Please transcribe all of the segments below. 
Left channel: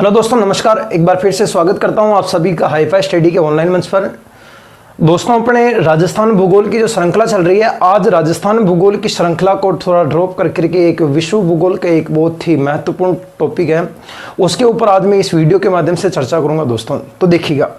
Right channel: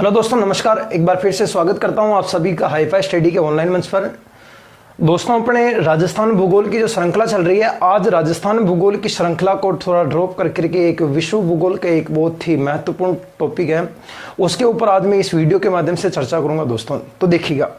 Hello दोस्तों, नमस्कार। एक बार फिर से स्वागत करता हूं आप सभी का हाईफाई स्टडी के ऑनलाइन मंच पर। दोस्तों, अपने राजस्थान भूगोल की जो श्रृंखला चल रही है, आज राजस्थान भूगोल की श्रृंखला को थोड़ा ड्रॉप करके एक विश्व भूगोल का एक बहुत ही महत्वपूर्ण टॉपिक है, उसके ऊपर आज मैं इस वीडियो के माध्यम से चर्चा करूंगा दोस्तों। तो देखिएगा,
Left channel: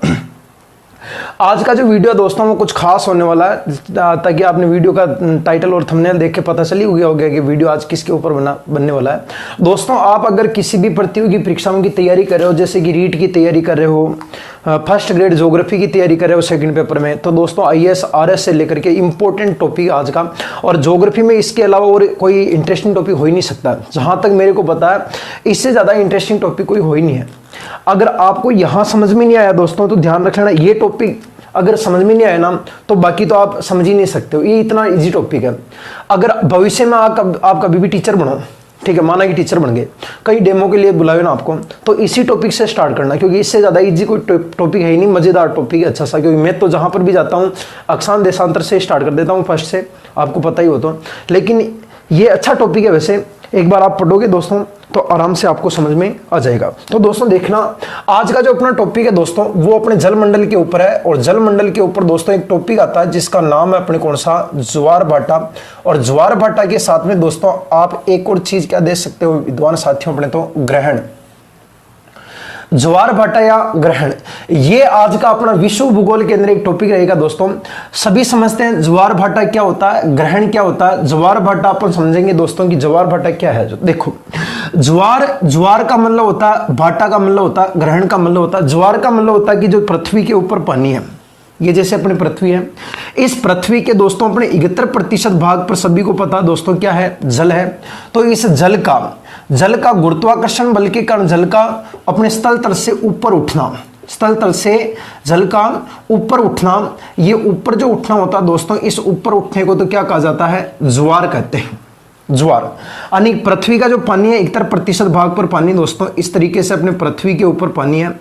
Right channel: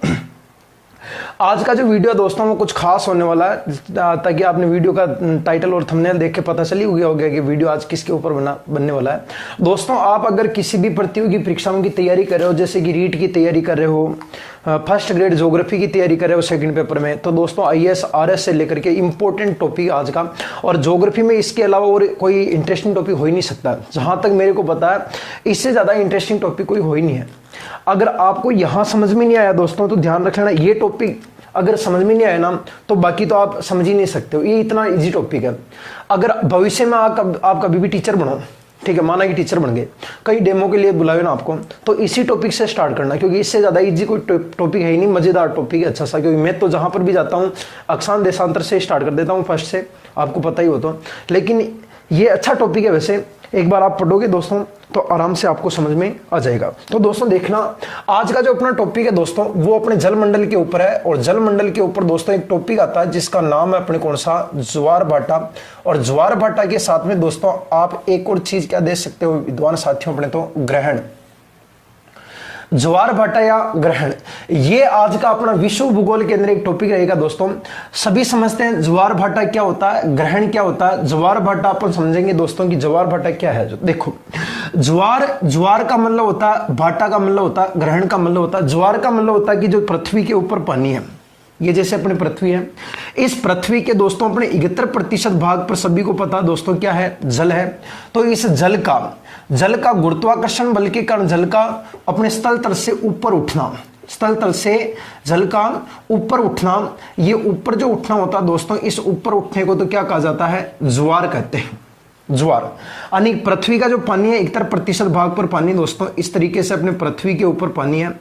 आज का जो वीडियो दोस्तों वो कुछ खास होने वाला है, ताकि आपने वीडियो का टाइटल और थंबनेल देख के पता चली गया होगा कि वीडियो आज किसके ऊपर बनने वाला है। दोस्तों, आप अगर किसी भी प्रतियोगी परीक्षाओं की तैयारी कर रहे हो, जैसे कि रीट की तैयारी कर रहे हो, फर्स्ट ग्रेड ज्योग्राफी की तैयारी कर रहे हो सेकंड पेपर में, तो दोस्तों आईएएस आरएस से लेकर के इंपॉर्टेंट टॉपिक आज का। और ज्योग्राफी में इसके अलावा और कोई इंटरेस्टिंग टॉपिक हो ही नहीं सकता, जहां तक मेरे को पता है इससे ज्यादा इंटरेस्टिंग टॉपिक कोई हो ही नहीं है। अगर आपको यहां समझ में नहीं आया दोस्तों, तो ध्यान रखना, ये टॉपिक अगर समझ में नहीं आया ना, तो बाकी तो आप समझ ही नहीं सकते हो। ये इतना इजी टॉपिक है। अगर भविष्य में आप कभी भी टीचर बनो, ठीक है, माना कि टीचर बन गए, कई डेमो के लिए बुलाए ना आपको, तो इसी टॉपिक से स्टार्ट करना, क्योंकि इससे ज्यादा इजी कोई टॉपिक है ही नहीं। मजेदार टॉपिक है, अच्छा सा। क्योंकि मैं तो जहां पर भी जाता हूं अक्षांश देशांतर से स्टार्ट कर देता हूं फर्स्ट से, आपको पता ही हो तो। लेकिन ये अच्छा टॉपिक है वैसे, एक बार आप पढ़ोगे दोस्तों तो आराम से आपको समझ में आ जाएगा। तो दोस्तों देखना, आज का जो अपना टॉपिक है दोस्तों वो अपने जलमंडल के ऊपर है। और जलमंडल के ऊपर दोस्तों एक टॉपिक आता है जिसका नाम है अपने कौन सा, ज्वार भाटा। और ज्वार भाटा के साथ में दोस्तों आप एक और चीज क्या देख सकते हो विद्वान साथियों, अपने तो ग्रहण। ज्वार भाटा या ग्रहण, ये आज का अपना विश्व भूगोल के अंदर एक टॉपिक रहेगा दोस्तों। सभी समझते हैं ज्वार भाटा क्या होता है, ग्रहण क्या होता है। ज्वार भाटा अपन समझेंगे दोस्तों कि ज्वार भाटा क्या है। जो देखो, ज्वार का मतलब होता है, भाटा का मतलब होता है, ग्रहण का मतलब होता है। ज्वार का मतलब होता है कि जो पृथ्वी के ऊपर पानी है, ये जैसे अपनी पृथ्वी है, इस पृथ्वी के दोस्तों अपने 71% भाग पर सभी को पता दोस्तों क्या है, जल है। तो इस जल का गुरुत्वाकर्षण बल के कारण जल का अपने स्थल तल से ऊपर उठना, स्थल तल से जल का ऊपर उठना, ये ऊपर जो उठना होता है दोस्तों, इस ऊपर उठने को तो क्या कहा जाता है, ज्वार कहते हैं। ज्वार यानी पृथ्वी का जो पानी है 71% भाग पर पानी दोस्तों, इस तरीके से अपने पृथ्वी के ऊपर पानी है।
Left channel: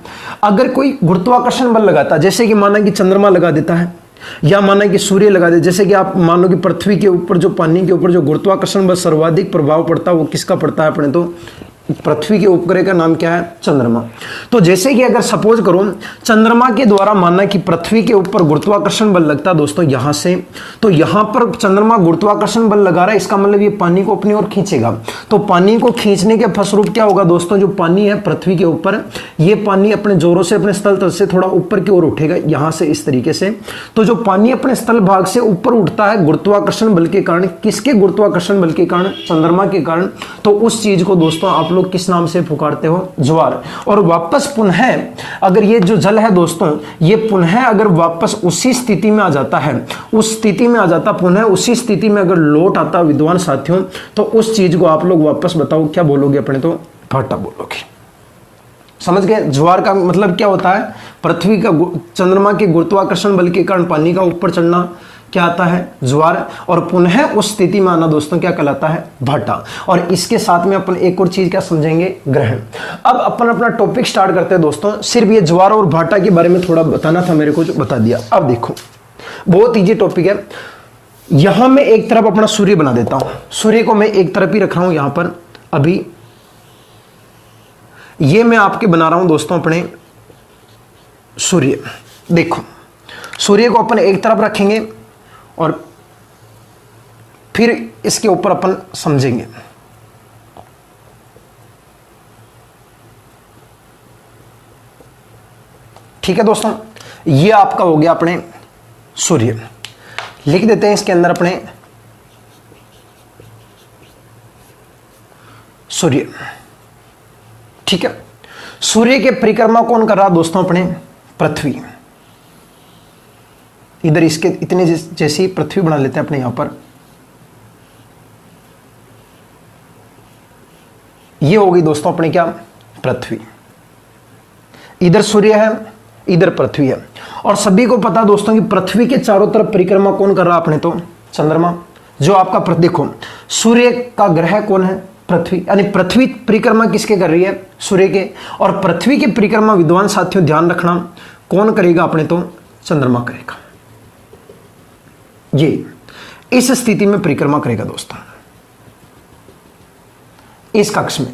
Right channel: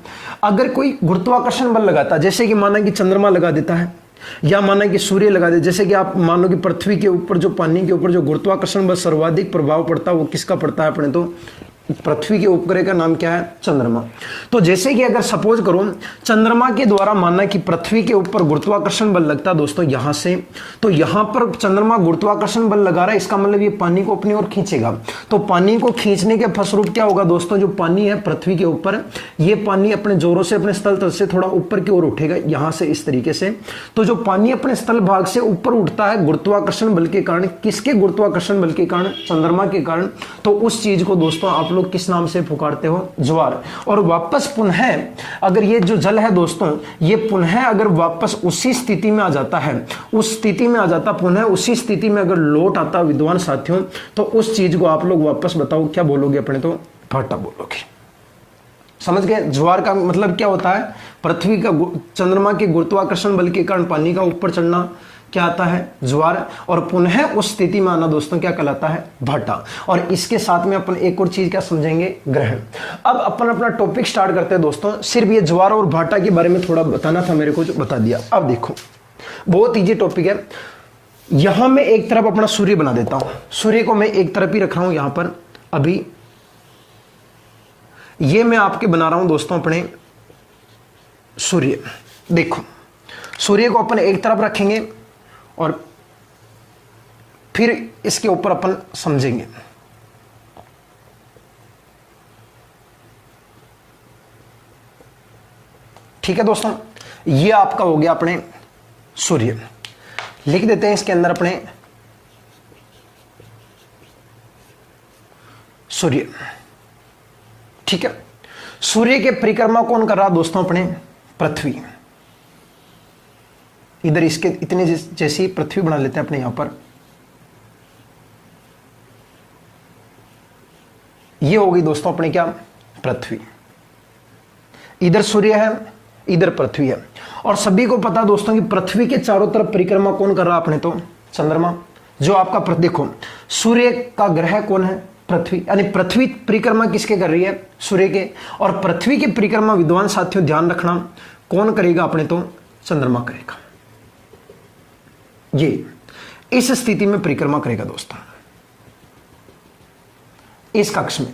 अगर कोई गुरुत्वाकर्षण बल लगाता है, जैसे कि माना कि चंद्रमा लगा देता है, या माना कि सूर्य लगा दे, जैसे कि आप मानो कि पृथ्वी के ऊपर जो पानी के ऊपर जो गुरुत्वाकर्षण बल सर्वाधिक प्रभाव पड़ता है, वो किसका पड़ता है, अपने तो पृथ्वी के उपग्रह का नाम क्या है, चंद्रमा। तो जैसे कि अगर सपोज करो चंद्रमा के द्वारा मानना कि पृथ्वी के ऊपर गुरुत्वाकर्षण बल लगता है दोस्तों यहां से, तो यहां पर चंद्रमा गुरुत्वाकर्षण बल लगा रहा है, इसका मतलब ये पानी को अपनी ओर खींचेगा। तो पानी को खींचने के फलस्वरूप क्या होगा दोस्तों, जो पानी है पृथ्वी के ऊपर, ये पानी अपने जोरों से अपने स्थल तल से थोड़ा ऊपर की ओर उठेगा, यहां से इस तरीके से। तो जो पानी अपने स्थल भाग से ऊपर उठता है गुरुत्वाकर्षण बल के कारण, किसके गुरुत्वाकर्षण बल के कारण, चंद्रमा के कारण, तो उस चीज को दोस्तों आप किस नाम से पुकारते हो, ज्वार। और वापस पुनः अगर ये जो जल है दोस्तों, ये पुनः अगर वापस उसी स्थिति में आ जाता है, उस स्थिति में आ जाता, पुनः उसी स्थिति में अगर लौट आता विद्वान साथियों, तो उस चीज को आप लोग वापस बताओ क्या बोलोगे, अपने तो भाटा बोलोगे। समझ गए। ज्वार का मतलब क्या होता है, पृथ्वी का चंद्रमा के गुरुत्वाकर्षण बल के कारण पानी का ऊपर चढ़ना क्या आता है, ज्वार। और पुनः उस स्थिति में आना दोस्तों क्या कहलाता है, भाटा। और इसके साथ में अपन एक और चीज क्या समझेंगे, ग्रहण। अब अपन अपना टॉपिक स्टार्ट करते हैं दोस्तों। सिर्फ ये ज्वार और भाटा के बारे में थोड़ा बताना था मेरे को, जो बता दिया। अब देखो, बहुत इजी टॉपिक है। यहां मैं एक तरफ अपना सूर्य बना देता हूं, सूर्य को मैं एक तरफ ही रख रहा हूं यहां पर। अभी ये मैं आपके बना रहा हूं दोस्तों अपने सूर्य। देखो, सूर्य को अपन एक तरफ रखेंगे और फिर इसके ऊपर अपन समझेंगे। ठीक है दोस्तों, ये आपका हो गया अपने सूर्य। लिख देते हैं इसके अंदर अपने सूर्य। ठीक है, सूर्य के परिक्रमा कौन कर रहा दोस्तों, अपने पृथ्वी। इधर इसके इतने जैसी पृथ्वी बना लेते हैं अपने यहां पर। ये हो गई दोस्तों अपने क्या, पृथ्वी। इधर सूर्य है, इधर पृथ्वी है। और सभी को पता दोस्तों कि पृथ्वी के चारों तरफ परिक्रमा कौन कर रहा अपने तो, चंद्रमा। जो आपका देखो, सूर्य का ग्रह कौन है, पृथ्वी। यानी पृथ्वी परिक्रमा किसके कर रही है, सूर्य के। और पृथ्वी की परिक्रमा विद्वान साथियों ध्यान रखना कौन करेगा, अपने तो चंद्रमा करेगा। ये इस स्थिति में परिक्रमा करेगा दोस्तों, इस कक्ष में।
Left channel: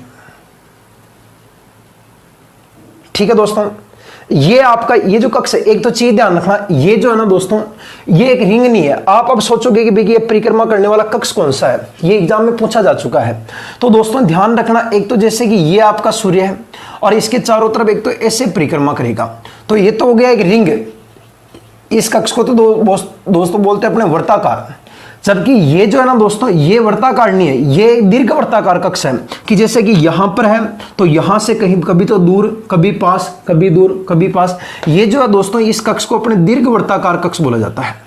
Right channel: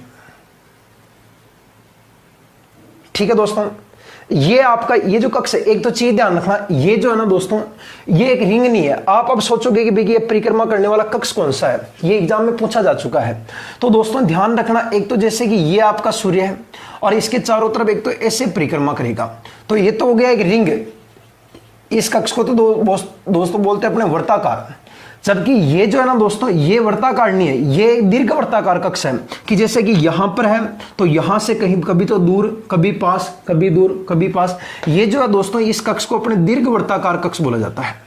ठीक है दोस्तों, ये आपका ये जो कक्ष है, एक तो चीज ध्यान रखना, ये जो है ना दोस्तों, ये एक रिंग नहीं है। आप अब सोचोगे कि भैया ये परिक्रमा करने वाला कक्ष कौन सा है, ये एग्जाम में पूछा जा चुका है। तो दोस्तों ध्यान रखना, एक तो जैसे कि ये आपका सूर्य है और इसके चारों तरफ एक तो ऐसे परिक्रमा करेगा, तो ये तो हो गया एक रिंग। इस कक्ष को तो दोस्तों बोलते हैं अपने वर्ताकार, जबकि ये जो है ना दोस्तों, ये वर्ताकार नहीं है, ये दीर्घ वर्ताकार कक्ष है, कि जैसे कि यहां पर है तो यहां से कहीं कभी तो दूर, कभी पास, कभी दूर, कभी पास। ये जो है दोस्तों, इस कक्ष को अपने दीर्घ वर्ताकार कक्ष बोला जाता है।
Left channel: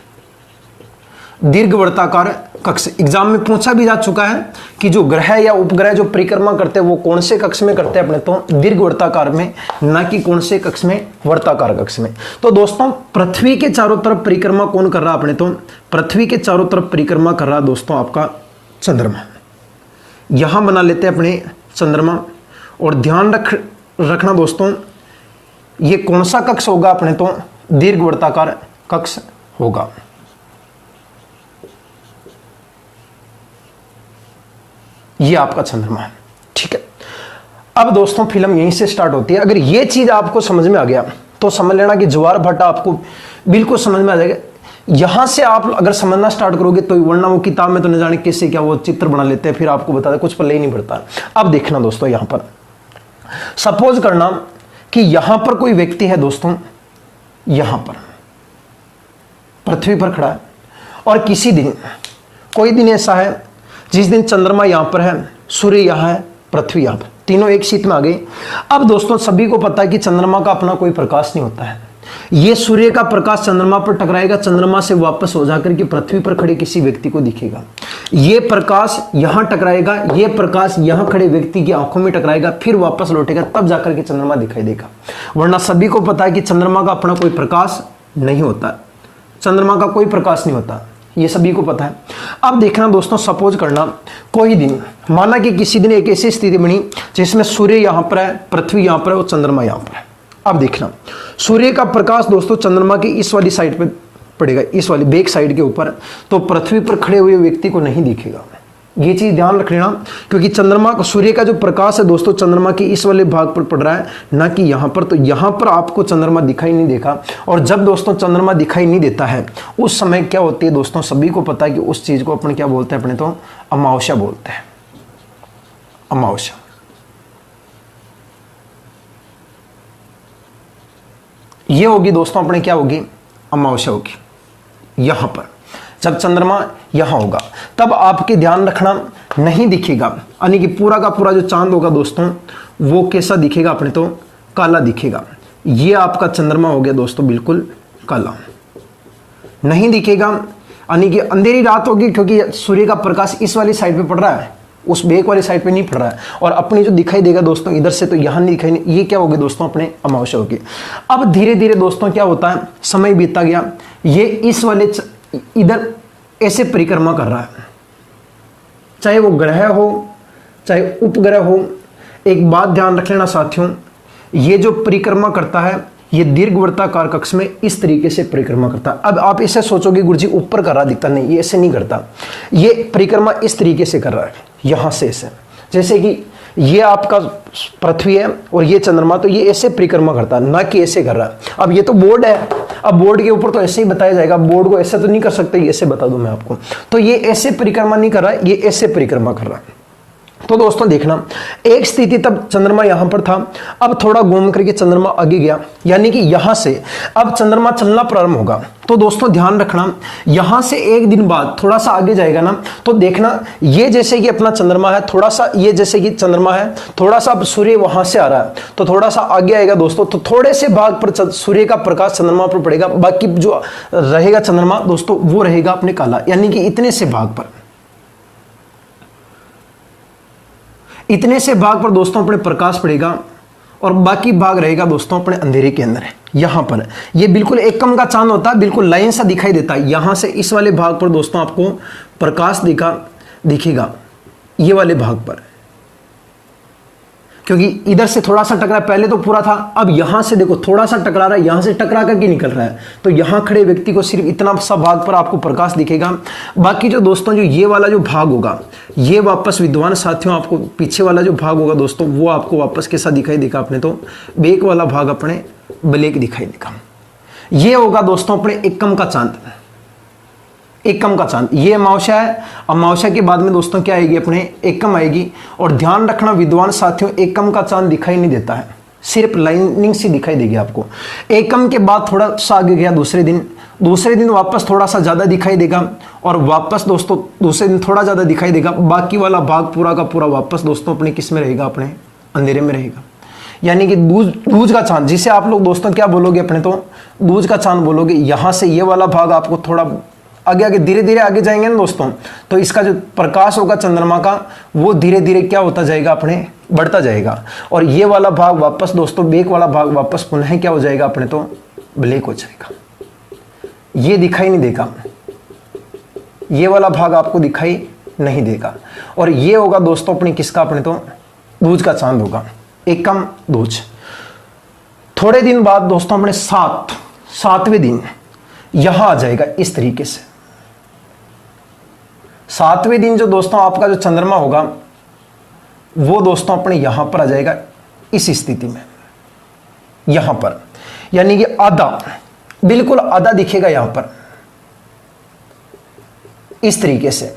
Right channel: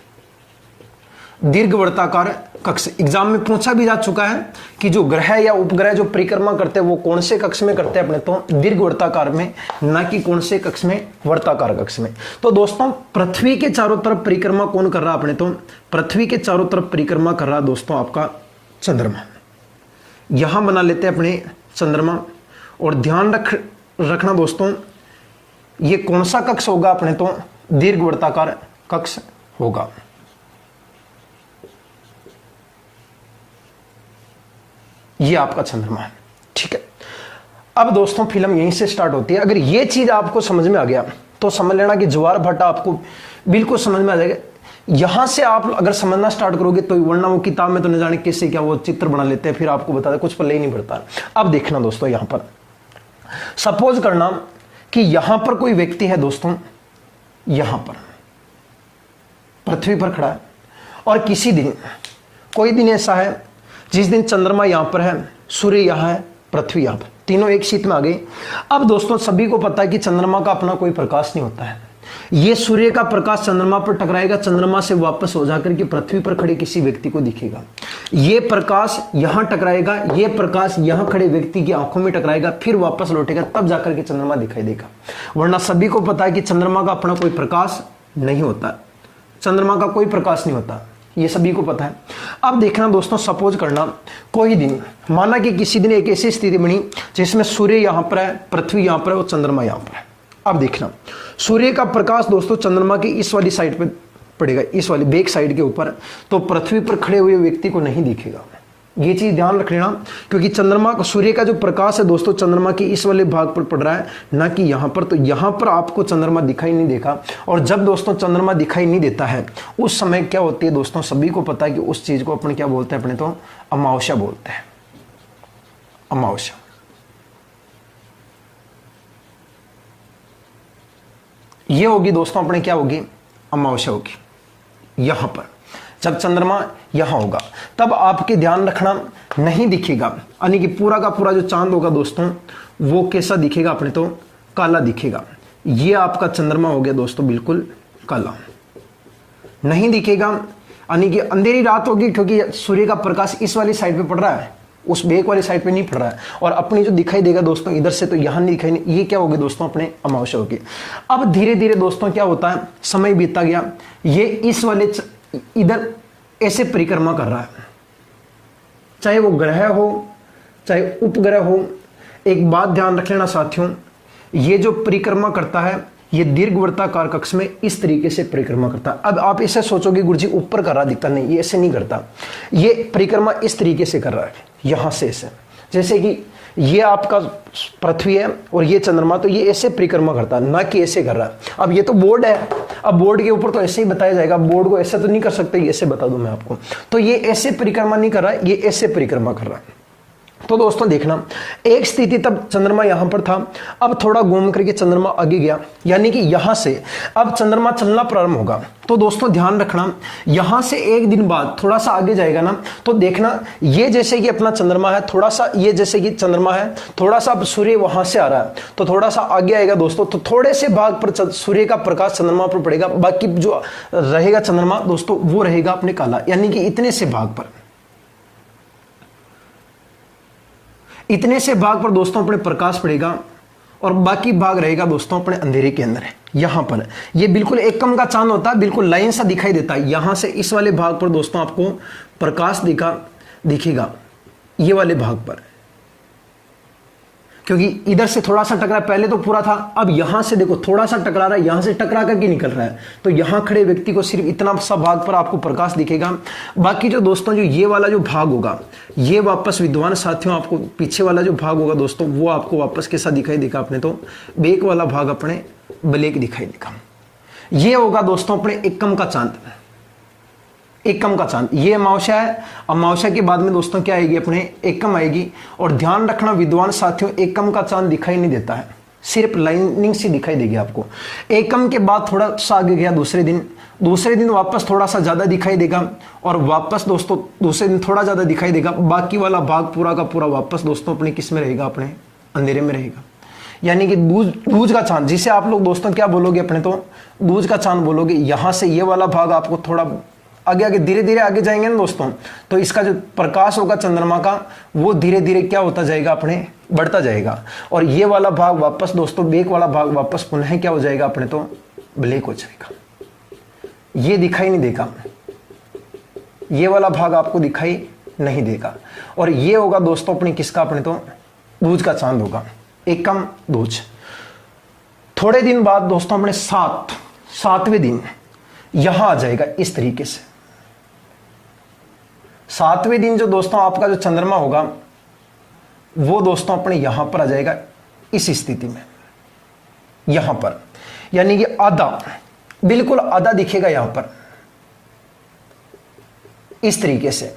दीर्घ वर्ताकार कक्ष एग्जाम में पूछा भी जा चुका है कि जो ग्रह या उपग्रह जो परिक्रमा करते हैं वो कौन से कक्ष में करते हैं अपने, तो दीर्घ वर्ताकार में, ना कि कौन से कक्ष में, वर्ताकार कक्ष में। तो दोस्तों पृथ्वी के चारों तरफ परिक्रमा कौन कर रहा अपने, तो पृथ्वी के चारों तरफ परिक्रमा कर रहा दोस्तों आपका चंद्रमा। यहां बना लेते हैं अपने चंद्रमा, और ध्यान रखना दोस्तों, ये कौन सा कक्ष होगा अपने, तो दीर्घ वर्ताकार कक्ष होगा। ये आपका चंद्रमा है, ठीक है। अब दोस्तों फिल्म यहीं से स्टार्ट होती है। अगर ये चीज आपको समझ में आ गया तो समझ लेना कि ज्वार भाटा आपको बिल्कुल समझ में आ जाएगा। यहां से आप अगर समझना स्टार्ट करोगे तो, वरना वो किताब में तो न जाने किससे क्या वो चित्र बना लेते हैं, फिर आपको बता दे कुछ पल्ले ही नहीं पड़ता। अब देखना दोस्तों, यहां पर सपोज करना कि यहां पर कोई व्यक्ति है दोस्तों, यहां पर पृथ्वी पर खड़ा है, और किसी दिन, कोई दिन ऐसा है जिस दिन चंद्रमा यहां पर है, सूर्य यहां है, पृथ्वी यहां पर, तीनों एक शीत में आ गई। अब दोस्तों सभी को पता है कि चंद्रमा का अपना कोई प्रकाश नहीं होता है। ये सूर्य का प्रकाश चंद्रमा पर टकराएगा, चंद्रमा से वापस हो जाकर के पृथ्वी पर खड़े किसी व्यक्ति को दिखेगा। ये प्रकाश यहां टकराएगा, ये प्रकाश यहां खड़े व्यक्ति की आंखों में टकराएगा, फिर वापस लौटेगा, तब जाकर के चंद्रमा दिखाई देगा। वरना सभी को पता है कि चंद्रमा का अपना कोई प्रकाश नहीं होता, चंद्रमा का कोई प्रकाश नहीं होता, ये सभी को पता है। अब देखना दोस्तों, सपोज करना कोई दिन, माना कि किसी दिन एक ऐसी स्थिति बनी जिसमें सूर्य यहां पर है, पृथ्वी यहां पर है और चंद्रमा यहां पर है। अब देखना, सूर्य का प्रकाश दोस्तों चंद्रमा की इस वाली साइड पे पड़ेगा, इस वाली बैक साइड के ऊपर, तो पृथ्वी पर खड़े हुए व्यक्ति को नहीं दिखेगा। ये चीज ध्यान रख लेना, क्योंकि चंद्रमा सूर्य का जो प्रकाश है दोस्तों चंद्रमा की इस वाले भाग पर पड़ रहा है, ना कि यहां पर। तो यहां पर आपको चंद्रमा दिखाई नहीं देगा, और जब दोस्तों चंद्रमा दिखाई नहीं देता है उस समय क्या होती है दोस्तों, सभी को पता है कि उस चीज को अपन क्या बोलते हैं अपने, तो अमावस्या बोलते हैं, अमावस्या। ये होगी दोस्तों अपने क्या होगी, अमावस्या होगी। यहां पर जब चंद्रमा यहां होगा तब आपके ध्यान रखना नहीं दिखेगा, यानी कि पूरा का पूरा जो चांद होगा दोस्तों वो कैसा दिखेगा अपने, तो काला दिखेगा। ये आपका चंद्रमा हो गया दोस्तों बिल्कुल काला, नहीं दिखेगा, यानी कि अंधेरी रात होगी, क्योंकि सूर्य का प्रकाश इस वाली साइड पे पड़ रहा है, उस बेक वाली साइड पे नहीं पड़ रहा है। और अपनी जो दिखाई देगा दोस्तों इधर से, तो यहां नहीं दिखाई, ये क्या होगी दोस्तों अपने अमावस्या होगी। अब धीरे धीरे दोस्तों क्या होता है, समय बीतता गया, ये इस वाले इधर ऐसे परिक्रमा कर रहा है, चाहे वो ग्रह हो चाहे उपग्रह हो। एक बात ध्यान रख लेना साथियों, ये जो परिक्रमा करता है ये दीर्घवृत्ताकार कक्ष में इस तरीके से परिक्रमा करता है। अब आप इसे सोचोगे गुरुजी ऊपर कर रहा दिखता, नहीं, ये ऐसे नहीं करता, ये परिक्रमा इस तरीके से कर रहा है, यहां से ऐसे, जैसे कि ये आपका पृथ्वी है और ये चंद्रमा, तो ये ऐसे परिक्रमा करता है, ना कि ऐसे कर रहा है। अब ये तो बोर्ड है, अब बोर्ड के ऊपर तो ऐसे ही बताया जाएगा, बोर्ड को ऐसे तो नहीं कर सकते, ऐसे बता दूं मैं आपको। तो ये ऐसे परिक्रमा नहीं कर रहा है, ये ऐसे परिक्रमा कर रहा है। तो दोस्तों देखना, एक स्थिति तब चंद्रमा यहां पर था, अब थोड़ा घूम करके चंद्रमा आगे गया, यानी कि यहां से अब चंद्रमा चलना प्रारंभ होगा। तो दोस्तों ध्यान रखना, यहां से एक दिन बाद थोड़ा सा आगे जाएगा ना, तो देखना ये जैसे कि अपना चंद्रमा है, थोड़ा सा ये जैसे कि चंद्रमा है, थोड़ा सा अब सूर्य वहां से आ रहा है, तो थोड़ा सा आगे आएगा दोस्तों, तो थोड़े से भाग पर सूर्य का प्रकाश चंद्रमा पर पड़ेगा, बाकी जो रहेगा चंद्रमा दोस्तों वो रहेगा अपने काला, यानी कि इतने से भाग पर, इतने से भाग पर दोस्तों अपने प्रकाश पड़ेगा, और बाकी भाग रहेगा दोस्तों अपने अंधेरे के अंदर है। यहां पर ये बिल्कुल एकम का चांद होता है, बिल्कुल लाइन सा दिखाई देता है, यहां से इस वाले भाग पर दोस्तों आपको प्रकाश दिखेगा, ये वाले भाग पर, क्योंकि इधर से थोड़ा सा टकरा, पहले तो पूरा था, अब यहां से देखो थोड़ा सा टकरा रहा है, यहां से टकरा करके निकल रहा है, तो यहां खड़े व्यक्ति को सिर्फ इतना सा भाग पर आपको प्रकाश दिखेगा। बाकी जो दोस्तों जो ये वाला जो भाग होगा, ये वापस विद्वान साथियों आपको पीछे वाला जो भाग होगा दोस्तों, वो आपको वापस कैसा दिखाई देगा अपने, तो बेक वाला भाग अपने ब्लैक दिखाई देगा। ये होगा दोस्तों अपने एकम का चांद, एकम का चांद। ये अमावस्या है, अमावस्या के बाद में दोस्तों क्या आएगी अपने एकम आएगी। और ध्यान रखना विद्वान साथियों, एकम का चांद दिखाई नहीं देता है, सिर्फ लाइनिंग से दिखाई देगी आपको। एकम के बाद थोड़ा सा आगे गया दूसरे दिन वापस थोड़ा सा ज्यादा दिखाई देगा, और वापस दोस्तों दूसरे दिन थोड़ा ज्यादा दिखाई देगा। बाकी वाला भाग पूरा का पूरा वापस दोस्तों अपने किस में रहेगा, अपने अंधेरे में रहेगा। यानी कि दूज का चांद, जिसे आप लोग दोस्तों क्या बोलोगे अपने, तो दूज का चांद बोलोगे। यहां से ये वाला भाग आपको थोड़ा आगे आगे धीरे धीरे आगे जाएंगे ना दोस्तों, तो इसका जो प्रकाश होगा चंद्रमा का, वो धीरे धीरे क्या होता जाएगा अपने, बढ़ता जाएगा। और ये वाला भाग वापस दोस्तों, बेक वाला भाग वापस पुनः क्या हो जाएगा अपने, तो ब्लैक हो जाएगा। ये दिखाई नहीं देगा, ये वाला भाग आपको दिखाई नहीं देगा। और ये होगा दोस्तों अपने किसका, अपने तो दूज का चांद होगा, एकम दूज। थोड़े दिन बाद दोस्तों अपने सातवें दिन यहां आ जाएगा इस तरीके से। सातवें दिन जो दोस्तों आपका जो चंद्रमा होगा, वो दोस्तों अपने यहां पर आ जाएगा इस स्थिति में, यहां पर। यानी कि आधा, बिल्कुल आधा दिखेगा यहां पर इस तरीके से।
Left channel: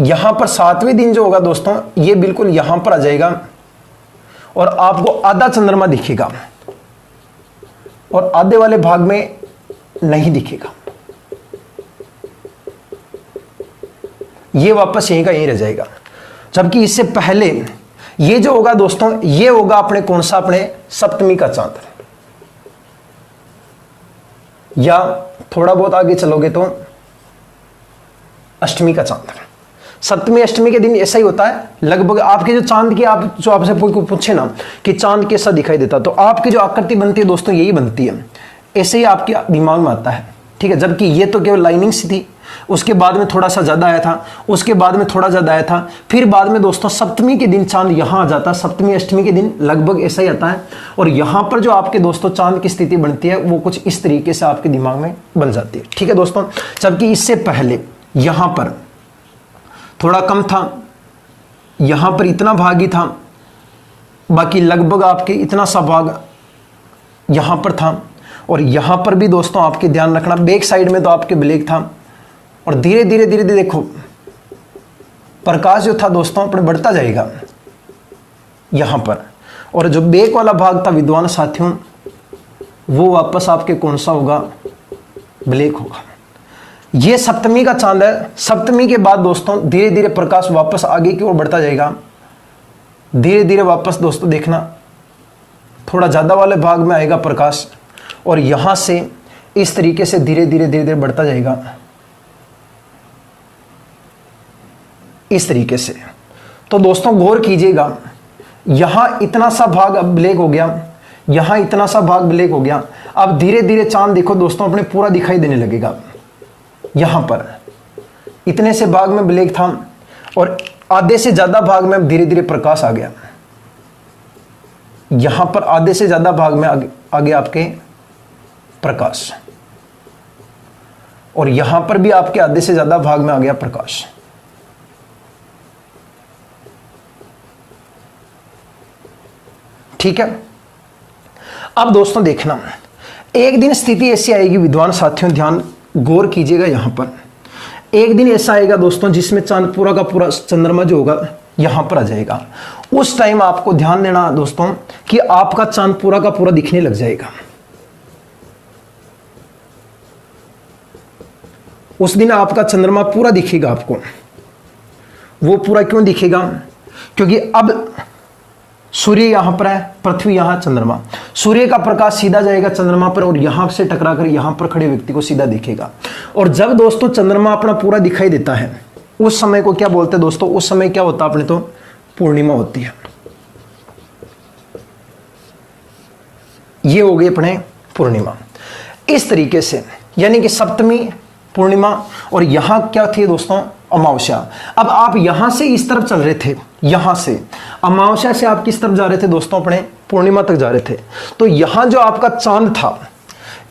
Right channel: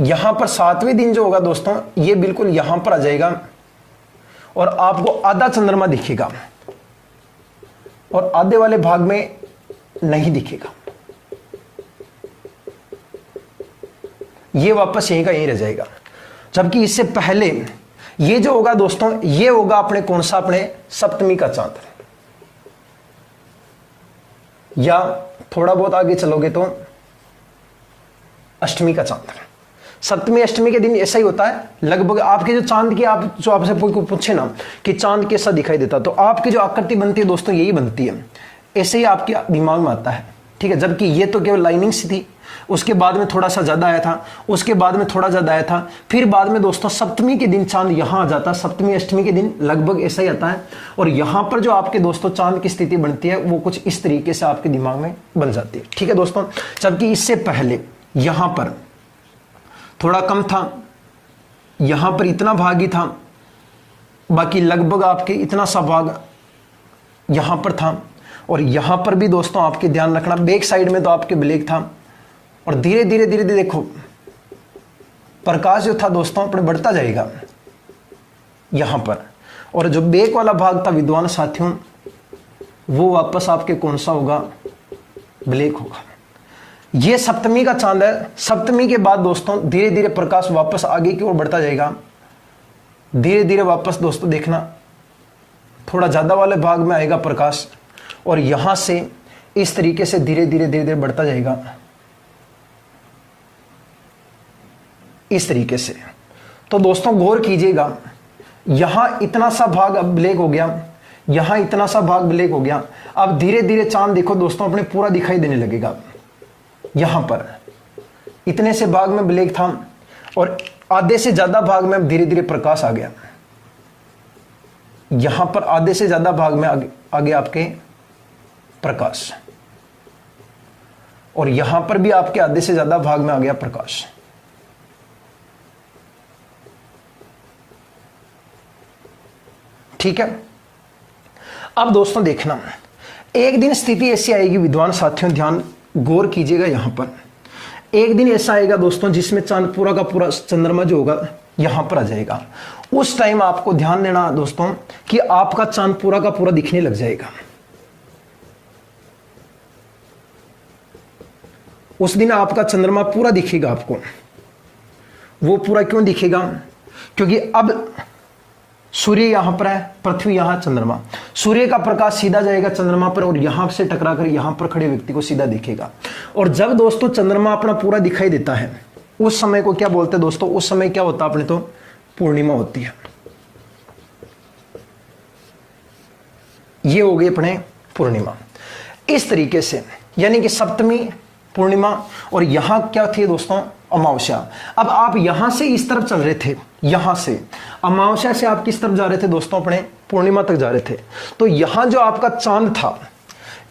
यहां पर सातवें दिन जो होगा दोस्तों, ये बिल्कुल यहां पर आ जाएगा और आपको आधा चंद्रमा दिखेगा, और आधे वाले भाग में नहीं दिखेगा। ये वापस यहीं का यहीं रह जाएगा। जबकि इससे पहले ये जो होगा दोस्तों, ये होगा अपने कौन सा, अपने सप्तमी का चांद, या थोड़ा बहुत आगे चलोगे तो अष्टमी का चांद। सप्तमी अष्टमी के दिन ऐसा ही होता है लगभग। आपके जो चांद की, आप जो आपसे कोई पूछे ना कि चांद कैसा दिखाई देता, तो आपकी जो आकृति बनती है दोस्तों, यही बनती है, ऐसे ही आपके दिमाग में आता है, ठीक है। जबकि ये तो केवल लाइनिंग सी थी, उसके बाद में थोड़ा सा ज्यादा आया था, उसके बाद में थोड़ा ज्यादा आया था, फिर बाद में दोस्तों सप्तमी के दिन चांद यहां आ जाता है। सप्तमी अष्टमी के दिन लगभग ऐसा ही आता है, और यहां पर जो आपके दोस्तों चांद की स्थिति बनती है, वो कुछ इस तरीके से आपके दिमाग में बन जाती है, ठीक है दोस्तों। जबकि इससे पहले यहां पर थोड़ा कम था, यहां पर इतना भाग ही था, बाकी लगभग आपके इतना सा भाग यहां पर था। और यहां पर भी दोस्तों आपके ध्यान रखना, बैक साइड में तो आपके ब्लैक था, और धीरे धीरे धीरे धीरे देखो प्रकाश जो था दोस्तों अपने बढ़ता जाएगा यहां पर। और जो बैक वाला भाग था विद्वान साथियों, वो वापस आपके कौन सा होगा, ब्लैक होगा। ये सप्तमी का चांद है। सप्तमी के बाद दोस्तों धीरे धीरे प्रकाश वापस आगे की ओर बढ़ता जाएगा। धीरे धीरे वापस दोस्तों देखना थोड़ा ज्यादा वाले भाग में आएगा प्रकाश, और यहां से इस तरीके से धीरे धीरे धीरे धीरे बढ़ता जाएगा इस तरीके से। तो दोस्तों गौर कीजिएगा, यहां इतना सा भाग अब ब्लैक हो गया, यहां इतना सा भाग ब्लैक हो गया। अब धीरे धीरे चांद देखो दोस्तों अपने पूरा दिखाई देने लगेगा। यहां पर इतने से भाग में ब्लैक था, और आधे से ज्यादा भाग में धीरे धीरे प्रकाश आ गया। यहां पर आधे से ज्यादा भाग में आगे आपके प्रकाश, और यहां पर भी आपके आधे से ज्यादा भाग में आ गया प्रकाश। ठीक है। अब दोस्तों देखना, एक दिन स्थिति ऐसी आएगी विद्वान साथियों, ध्यान गौर कीजिएगा। यहां पर एक दिन ऐसा आएगा दोस्तों जिसमें चांद पूरा का पूरा चंद्रमा जो होगा यहां पर आ जाएगा। उस टाइम आपको ध्यान देना दोस्तों कि आपका चांद पूरा का पूरा दिखने लग जाएगा। उस दिन आपका चंद्रमा पूरा दिखेगा आपको। वो पूरा क्यों दिखेगा? क्योंकि अब सूर्य यहां पर है, पृथ्वी यहां, चंद्रमा। सूर्य का प्रकाश सीधा जाएगा चंद्रमा पर, और यहां से टकराकर यहां पर खड़े व्यक्ति को सीधा दिखेगा। और जब दोस्तों चंद्रमा अपना पूरा दिखाई देता है, उस समय को क्या बोलते हैं दोस्तों? उस समय क्या होता है अपने तो पूर्णिमा होती है। ये हो गई अपने पूर्णिमा। इस तरीके से यानी कि सप्तमी पूर्णिमा, और यहां क्या थी दोस्तों, अमावस्या। अब आप यहां से इस तरफ चल रहे थे, यहां से अमावस्या से आप किस तरफ जा रहे थे दोस्तों, अपने पूर्णिमा तक जा रहे थे। तो यहां जो आपका चांद था,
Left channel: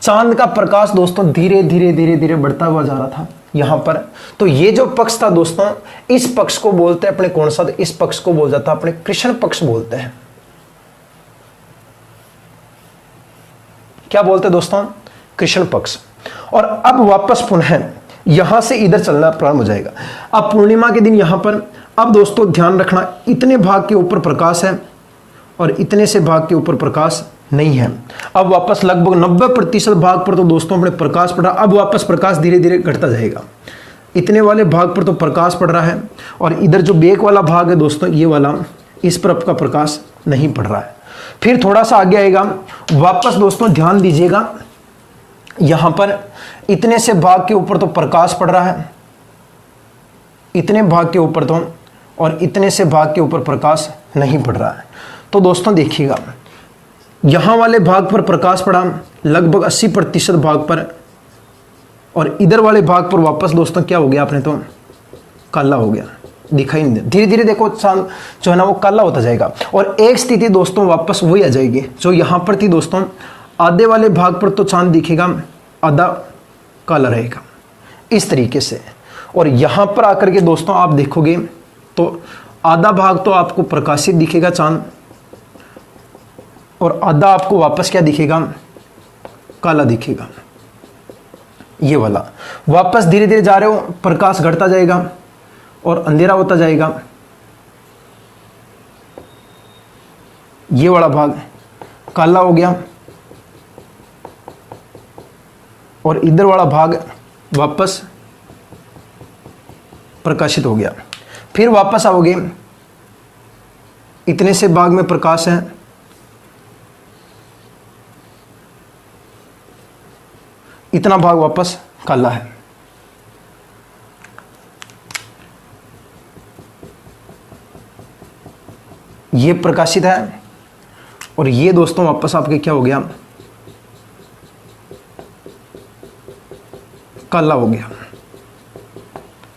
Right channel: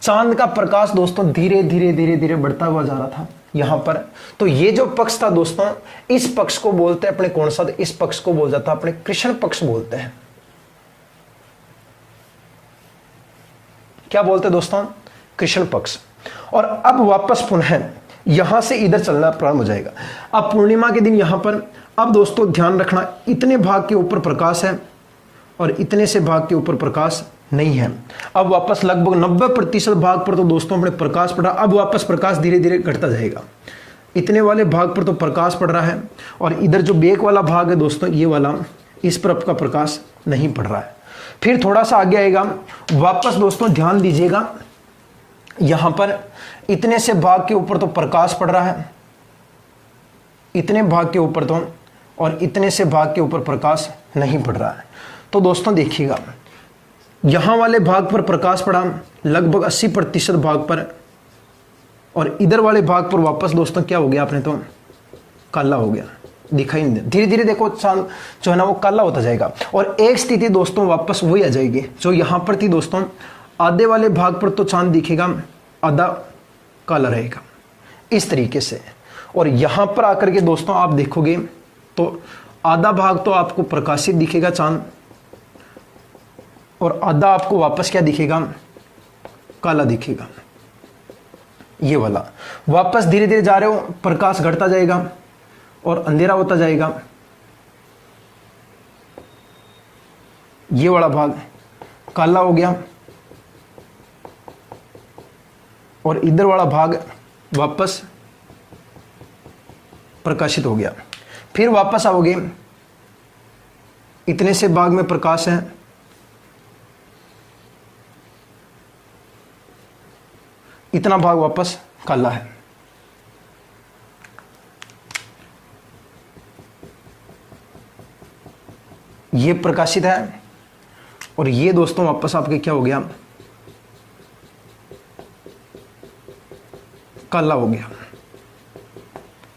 चांद का प्रकाश दोस्तों धीरे धीरे धीरे धीरे बढ़ता हुआ जा रहा था यहां पर। तो ये जो पक्ष था दोस्तों, इस पक्ष को बोलते हैं अपने कौन सा, इस पक्ष को बोल जाता है अपने कृष्ण पक्ष बोलते हैं। क्या बोलते हैं दोस्तों, कृष्ण पक्ष। और अब वापस पुनः यहां से इधर चलना प्रारंभ हो जाएगा। अब पूर्णिमा के दिन यहां पर, अब दोस्तों ध्यान रखना, इतने भाग के ऊपर प्रकाश है और इतने से भाग के ऊपर प्रकाश नहीं है। अब वापस लगभग 90% भाग पर तो दोस्तों अपने प्रकाश पड़ा। अब वापस प्रकाश धीरे धीरे घटता जाएगा। इतने वाले भाग पर तो प्रकाश पड़ रहा है और इधर जो बेक वाला भाग है दोस्तों, ये वाला, इस पर आपका प्रकाश नहीं पड़ रहा है। फिर थोड़ा सा आगे आएगा, वापस दोस्तों ध्यान दीजिएगा, यहां पर इतने से भाग के ऊपर तो प्रकाश पड़ रहा है, इतने भाग के ऊपर तो, और इतने से भाग के ऊपर प्रकाश नहीं पड़ रहा है। तो दोस्तों देखिएगा, यहां वाले भाग पर प्रकाश पड़ा लगभग 80% भाग पर, और इधर वाले भाग पर वापस दोस्तों क्या हो गया, आपने तो काला हो गया, दिखाई नहीं दे। धीरे धीरे देखो चांद जो है ना वो काला होता जाएगा, और एक स्थिति दोस्तों वापस वही आ जाएगी जो यहां पर थी दोस्तों। आधे वाले भाग पर तो चांद दिखेगा, आधा काला रहेगा, इस तरीके से। और यहां पर आकर के दोस्तों आप देखोगे तो आधा भाग तो आपको प्रकाशित दिखेगा चांद, और आधा आपको वापस क्या दिखेगा, काला दिखेगा। ये वाला वापस धीरे धीरे जा रहे हो, प्रकाश घटता जाएगा और अंधेरा होता जाएगा। ये वाला भाग काला हो गया और इधर वाला भाग वापस प्रकाशित हो गया। फिर वापस आओगे, इतने से भाग में प्रकाश है, इतना भाग वापस काला है। ये प्रकाशित है और ये दोस्तों वापस आपके क्या हो गया, काला हो गया।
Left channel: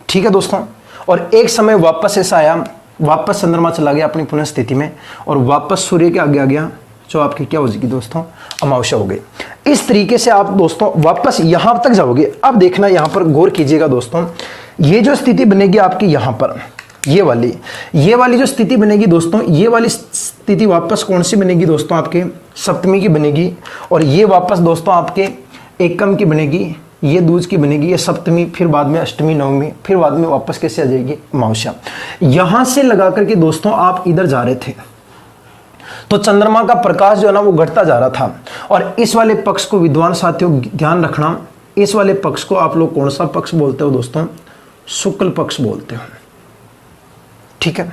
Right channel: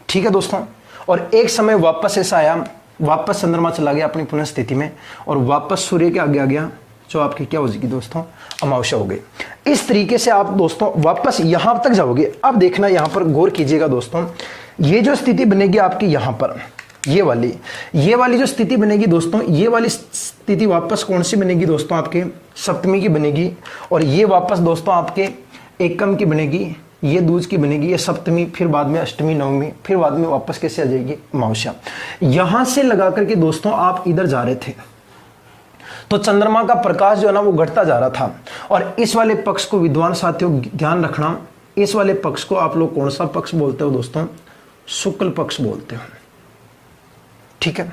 ठीक है दोस्तों। और एक समय वापस ऐसा आया, वापस चंद्रमा चला गया अपनी पुनः स्थिति में, और वापस सूर्य के आगे आ गया, जो आपकी क्या हो जाएगी दोस्तों, अमावस्या हो गई। इस तरीके से आप दोस्तों वापस यहां तक जाओगे। अब देखना, यहां पर गौर कीजिएगा दोस्तों, ये जो स्थिति बनेगी आपकी यहां पर, ये वाली जो स्थिति बनेगी दोस्तों, ये वाली स्थिति वापस कौन सी बनेगी दोस्तों, आपके सप्तमी की बनेगी। और ये वापस दोस्तों आपके एकम की बनेगी, ये दूज की बनेगी, ये सप्तमी, फिर बाद में अष्टमी, नवमी, फिर बाद में वापस कैसे आ जाएगी, अमावस्या। यहां से लगा करके दोस्तों आप इधर जा रहे थे तो चंद्रमा का प्रकाश जो है ना वो घटता जा रहा था। और इस वाले पक्ष को विद्वान साथियों ध्यान रखना, इस वाले पक्ष को आप लोग कौन सा पक्ष बोलते हो दोस्तों, शुक्ल पक्ष बोलते हो। ठीक है।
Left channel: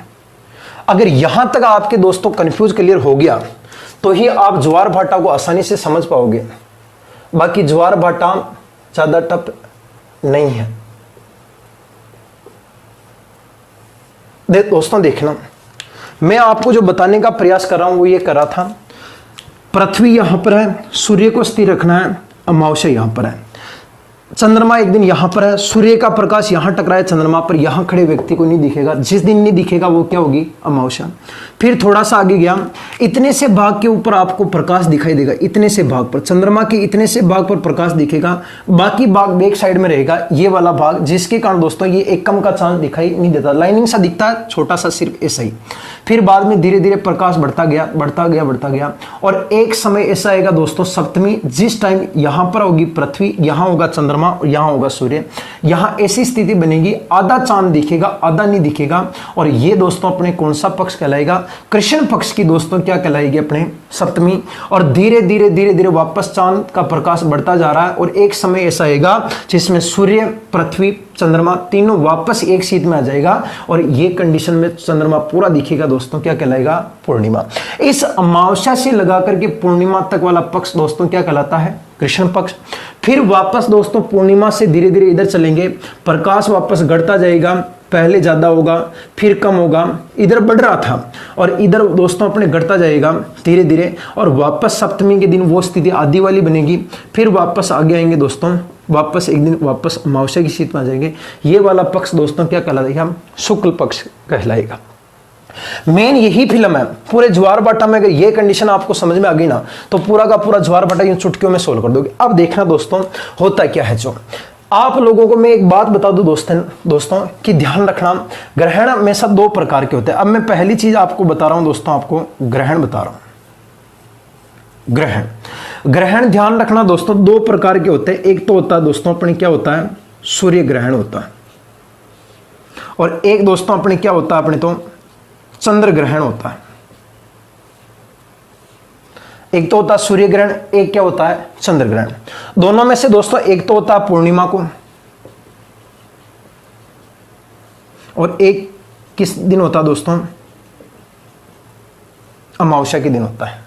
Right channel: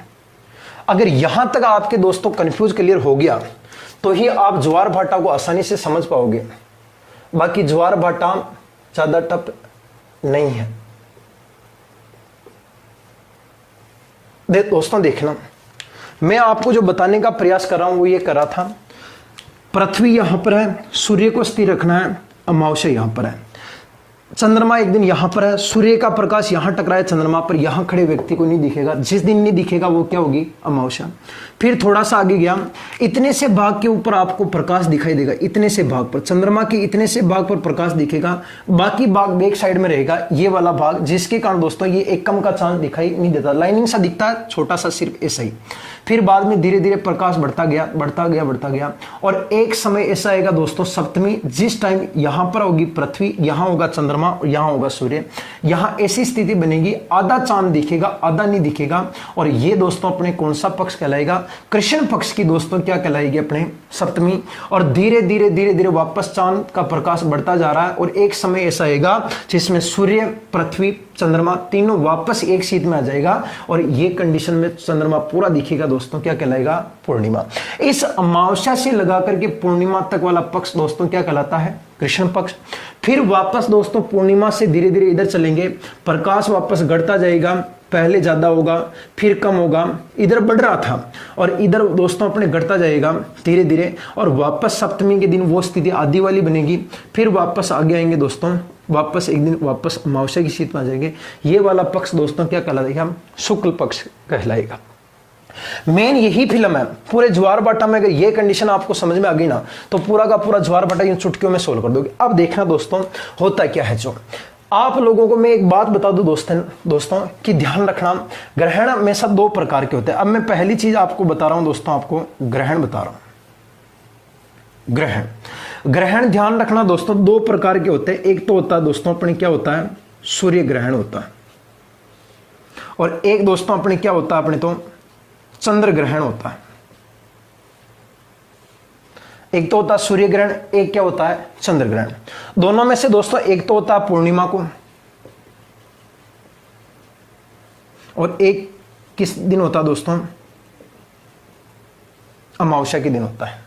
अगर यहां तक आपके दोस्तों कंफ्यूज क्लियर हो गया तो ही आप ज्वार भाटा को आसानी से समझ पाओगे। बाकी ज्वार भाटा ज्यादा टफ नहीं है। दोस्तों देखना, मैं आपको जो बताने का प्रयास कर रहा हूं वो ये कर रहा था, पृथ्वी यहां पर है, सूर्य को स्थिर रखना है, अमावस्या यहां पर है, चंद्रमा एक दिन यहां पर है, सूर्य का प्रकाश यहां टकराए चंद्रमा पर, यहां खड़े व्यक्ति को नहीं दिखेगा, जिस दिन नहीं दिखेगा वो क्या होगी, अमावस्या। फिर थोड़ा सा आगे गया, इतने से भाग के ऊपर आपको प्रकाश दिखाई देगा, इतने से भाग पर, चंद्रमा के इतने से भाग पर प्रकाश दिखेगा, बाकी भाग बैक साइड में रहेगा, ये वाला भाग, जिसके कारण दोस्तों ये एकम का चांद दिखाई नहीं देता, लाइनिंग सा दिखता है, छोटा सा सिर्फ ऐसा ही। फिर बाद में धीरे धीरे प्रकाश बढ़ता गया, बढ़ता गया, बढ़ता गया, और एक समय ऐसा आएगा दोस्तों सप्तमी, जिस टाइम यहां पर होगी पृथ्वी, यहां होगा चंद्रमा और यहां होगा सूर्य, यहां ऐसी स्थिति बनेगी, आधा चांद दिखेगा, आधा नहीं दिखेगा। और ये दोस्तों अपने कौन सा पक्ष कहलाएगा, कृष्ण पक्ष की दोस्तों क्या कहलाएगी, अपने सप्तमी। और धीरे धीरे धीरे धीरे वापस चांद का प्रकाश बढ़ता जा रहा है, और एक समय ऐसा आएगा जिसमें सूर्य, पृथ्वी, चंद्रमा तीनों वापस एक शीत में आ जाएगा, और ये कंडीशन में चंद्रमा पूरा दिखेगा दोस्तों, क्या कहलाएगा, पूर्णिमा। इस अमावस्या से लगा करके पूर्णिमा तक वाला पक्ष दोस्तों क्या कहलाता है, कृष्ण पक्ष। फिर वापस दोस्तों पूर्णिमा से धीरे धीरे इधर चलेंगे, प्रकाश वापस घटता जाएगा, पहले ज्यादा होगा, फिर कम होगा, इधर बढ़ रहा था और इधर दोस्तों अपने घटता जाएगा धीरे धीरे, और वापस सप्तमी के दिन वो स्थिति आधी वाली बनेगी। फिर वापस आगे आएंगे दोस्तों वापस एक दिन वापस अमावस्या की स्थिति में आ जाएंगे। ये वाला पक्ष दोस्तों क्या कहलाएगा, हम शुक्ल पक्ष कहलाएगा। मेन यही फिल्म है पूरे ज्वार भाटा में। अगर ये कंडीशन आपको समझ में आ गई ना तो पूरा का पूरा ज्वार भाटा इन चुटकियों में सोल्व कर दोगे। अब देखना दोस्तों होता क्या है। जो आप लोगों को मैं एक बात बता दूं दोस्तों कि ध्यान रखना, ग्रहण हमेशा दो प्रकार के होते हैं। अब मैं पहली चीज आपको बता रहा हूं दोस्तों, आपको ग्रहण बता रहा हूं। ग्रहण ध्यान रखना दोस्तों दो प्रकार के होते हैं। एक तो होता है दोस्तों अपने क्या होता है, सूर्य ग्रहण होता है, और एक दोस्तों अपने क्या होता है, अपने तो चंद्र ग्रहण होता है। एक तो होता है सूर्य ग्रहण, एक क्या होता है, चंद्र ग्रहण। दोनों में से दोस्तों एक तो होता है पूर्णिमा को, और एक किस दिन होता है दोस्तों, अमावस्या के दिन होता है।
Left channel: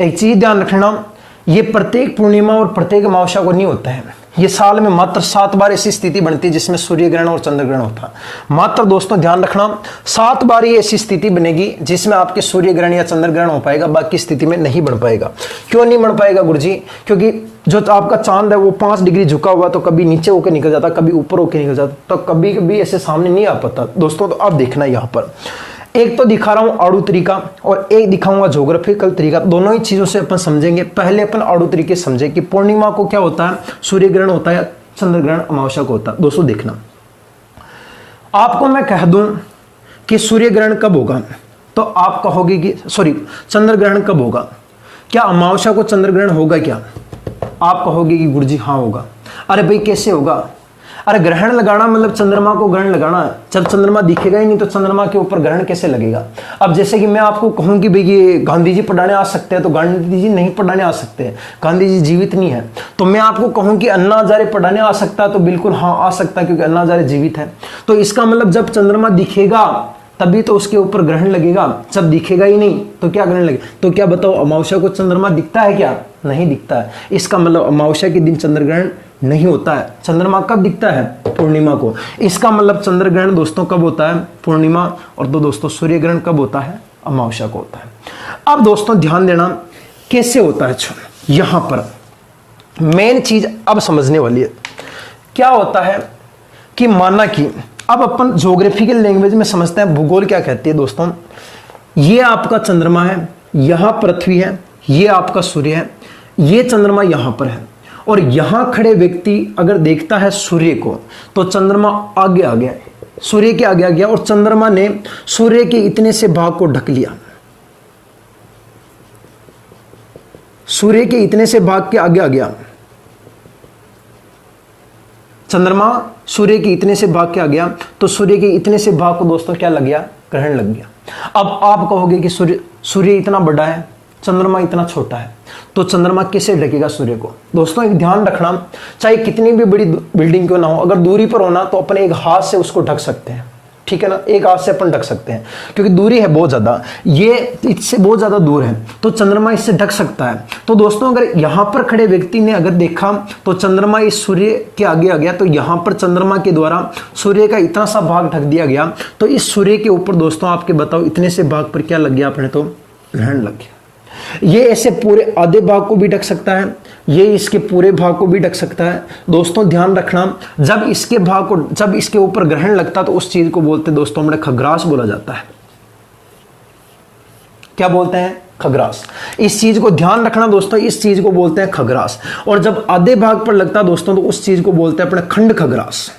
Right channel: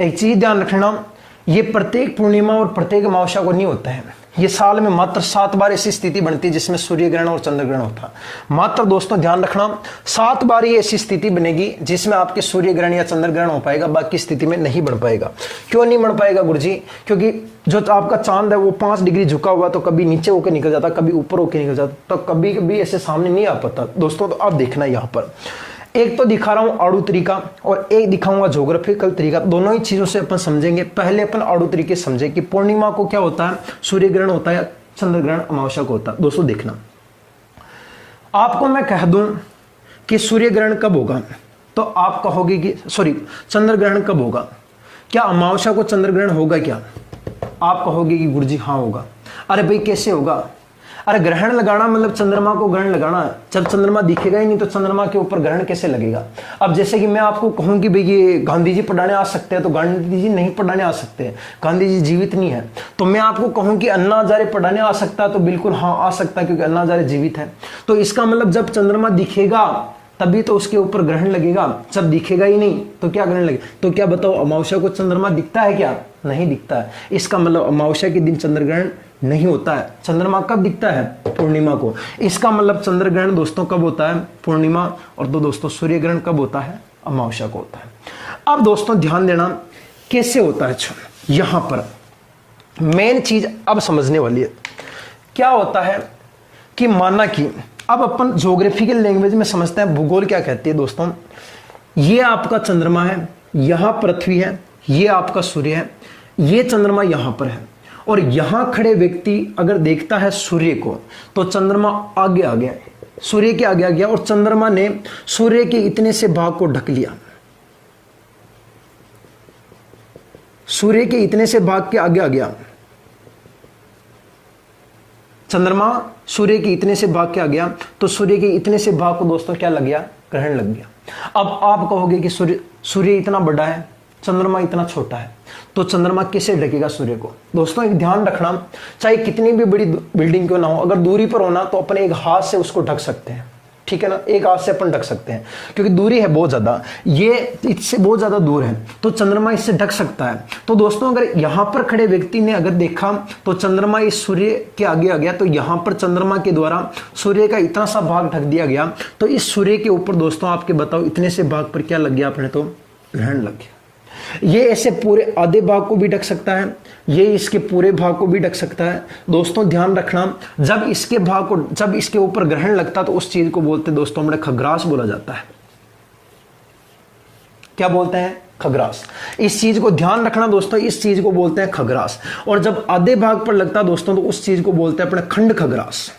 एक चीज ध्यान रखना, ये प्रत्येक पूर्णिमा और प्रत्येक अमावस्या को नहीं होता है। ये साल में मात्र 7 बार ऐसी स्थिति बनती है जिसमें सूर्य ग्रहण और चंद्र ग्रहण होता है। मात्र दोस्तों ध्यान रखना 7 बार ही ऐसी स्थिति बनेगी जिसमें आपके सूर्य ग्रहण या चंद्र ग्रहण हो पाएगा, बाकी स्थिति में नहीं बन पाएगा। क्यों नहीं बन पाएगा गुरुजी? क्योंकि जो आपका चांद है वो 5 डिग्री झुका हुआ, तो कभी नीचे होकर निकल जाता, कभी ऊपर होकर निकल जाता, तो कभी कभी ऐसे सामने नहीं आ पाता दोस्तों। तो अब देखना यहां पर एक तो दिखा रहा हूं आड़ू तरीका और एक दिखाऊंगा ज्योग्राफिकल तरीका। दोनों ही चीजों से अपन समझेंगे। पहले अपन आड़ू तरीके समझे कि पूर्णिमा को क्या होता है, सूर्य ग्रहण होता है, चंद्र ग्रहण अमावस्या को होता है। दोस्तों देखना, आपको मैं कह दूं कि सूर्य ग्रहण कब होगा तो आप कहोगे कि सॉरी चंद्र ग्रहण कब होगा, क्या अमावस्या को चंद्र ग्रहण होगा क्या? आप कहोगे कि गुरुजी हाँ होगा। अरे भाई कैसे होगा? अरे ग्रहण लगाना मतलब चंद्रमा को ग्रहण लगाना। जब चंद्रमा दिखेगा ही नहीं तो चंद्रमा के ऊपर ग्रहण कैसे लगेगा? अब जैसे कि मैं आपको कहूं कि भाई ये गांधी जी पढ़ाने आ सकते हैं, तो गांधी जी नहीं पढ़ाने आ सकते हैं, गांधी जी जीवित नहीं है। तो मैं आपको कहूं कि अन्ना हजारे पढ़ाने आ सकता है, तो बिल्कुल हाँ आ सकता है, क्योंकि अन्ना हजारे जीवित है। तो इसका मतलब जब चंद्रमा दिखेगा तभी तो उसके ऊपर ग्रहण लगेगा, जब दिखेगा ही नहीं तो क्या ग्रहण लगेगा? तो क्या बताओ, अमावस्या को चंद्रमा दिखता है क्या? नहीं दिखता है। इसका मतलब अमावस्या के दिन चंद्र ग्रहण नहीं होता है। चंद्रमा कब दिखता है? पूर्णिमा को। इसका मतलब चंद्र ग्रहण दोस्तों कब होता है? पूर्णिमा। और तो दोस्तों सूर्य ग्रहण कब होता है? अमावस्या को होता है। अब दोस्तों ध्यान देना कैसे होता है। यहां पर मेन चीज अब समझने वाली है। क्या होता है कि माना कि अब अपन ज्योग्राफिकल लैंग्वेज में समझते हैं, भूगोल क्या कहती है दोस्तों। ये आपका चंद्रमा है, यहां पृथ्वी है, ये आपका सूर्य है, ये चंद्रमा यहां पर है, और यहां खड़े व्यक्ति अगर देखता है सूर्य को तो चंद्रमा आगे आ गया, सूर्य के आगे आ गया, और चंद्रमा ने सूर्य के इतने से भाग को ढक लिया। सूर्य के इतने से भाग के आगे आ गया, चंद्रमा सूर्य के इतने से भाग के आ गया, तो सूर्य के इतने से भाग को दोस्तों क्या लग गया? ग्रहण लग गया। अब आप कहोगे कि सूर्य इतना बड़ा है, चंद्रमा इतना छोटा है, तो चंद्रमा कैसे ढकेगा सूर्य को? दोस्तों एक ध्यान रखना, चाहे कितनी भी बड़ी बिल्डिंग क्यों ना हो, अगर दूरी पर होना तो अपने एक हाथ से उसको ढक सकते हैं, ठीक है ना, एक हाथ से अपन ढक सकते हैं, क्योंकि दूरी है बहुत ज्यादा, ये इससे बहुत ज्यादा दूर है, तो चंद्रमा इससे ढक सकता है। तो दोस्तों अगर यहां पर खड़े व्यक्ति ने अगर देखा तो चंद्रमा इस सूर्य के आगे आ गया, तो यहां पर चंद्रमा के द्वारा सूर्य का इतना सा भाग ढक दिया गया, तो इस सूर्य के ऊपर दोस्तों आपके बताओ इतने से भाग पर क्या लग गया? अपने तो ग्रहण लग गया। ये ऐसे पूरे आधे भाग को भी ढक सकता है, ये इसके पूरे भाग को भी ढक सकता है। दोस्तों ध्यान रखना, जब इसके भाग को, जब इसके ऊपर ग्रहण लगता तो उस चीज को बोलते दोस्तों हमने खग्रास बोला जाता है। क्या बोलते हैं? खग्रास। इस चीज को ध्यान रखना दोस्तों, इस चीज को बोलते हैं खग्रास। और जब आधे भाग पर लगता दोस्तों तो उस चीज को बोलते हैं अपने खंड खग्रास।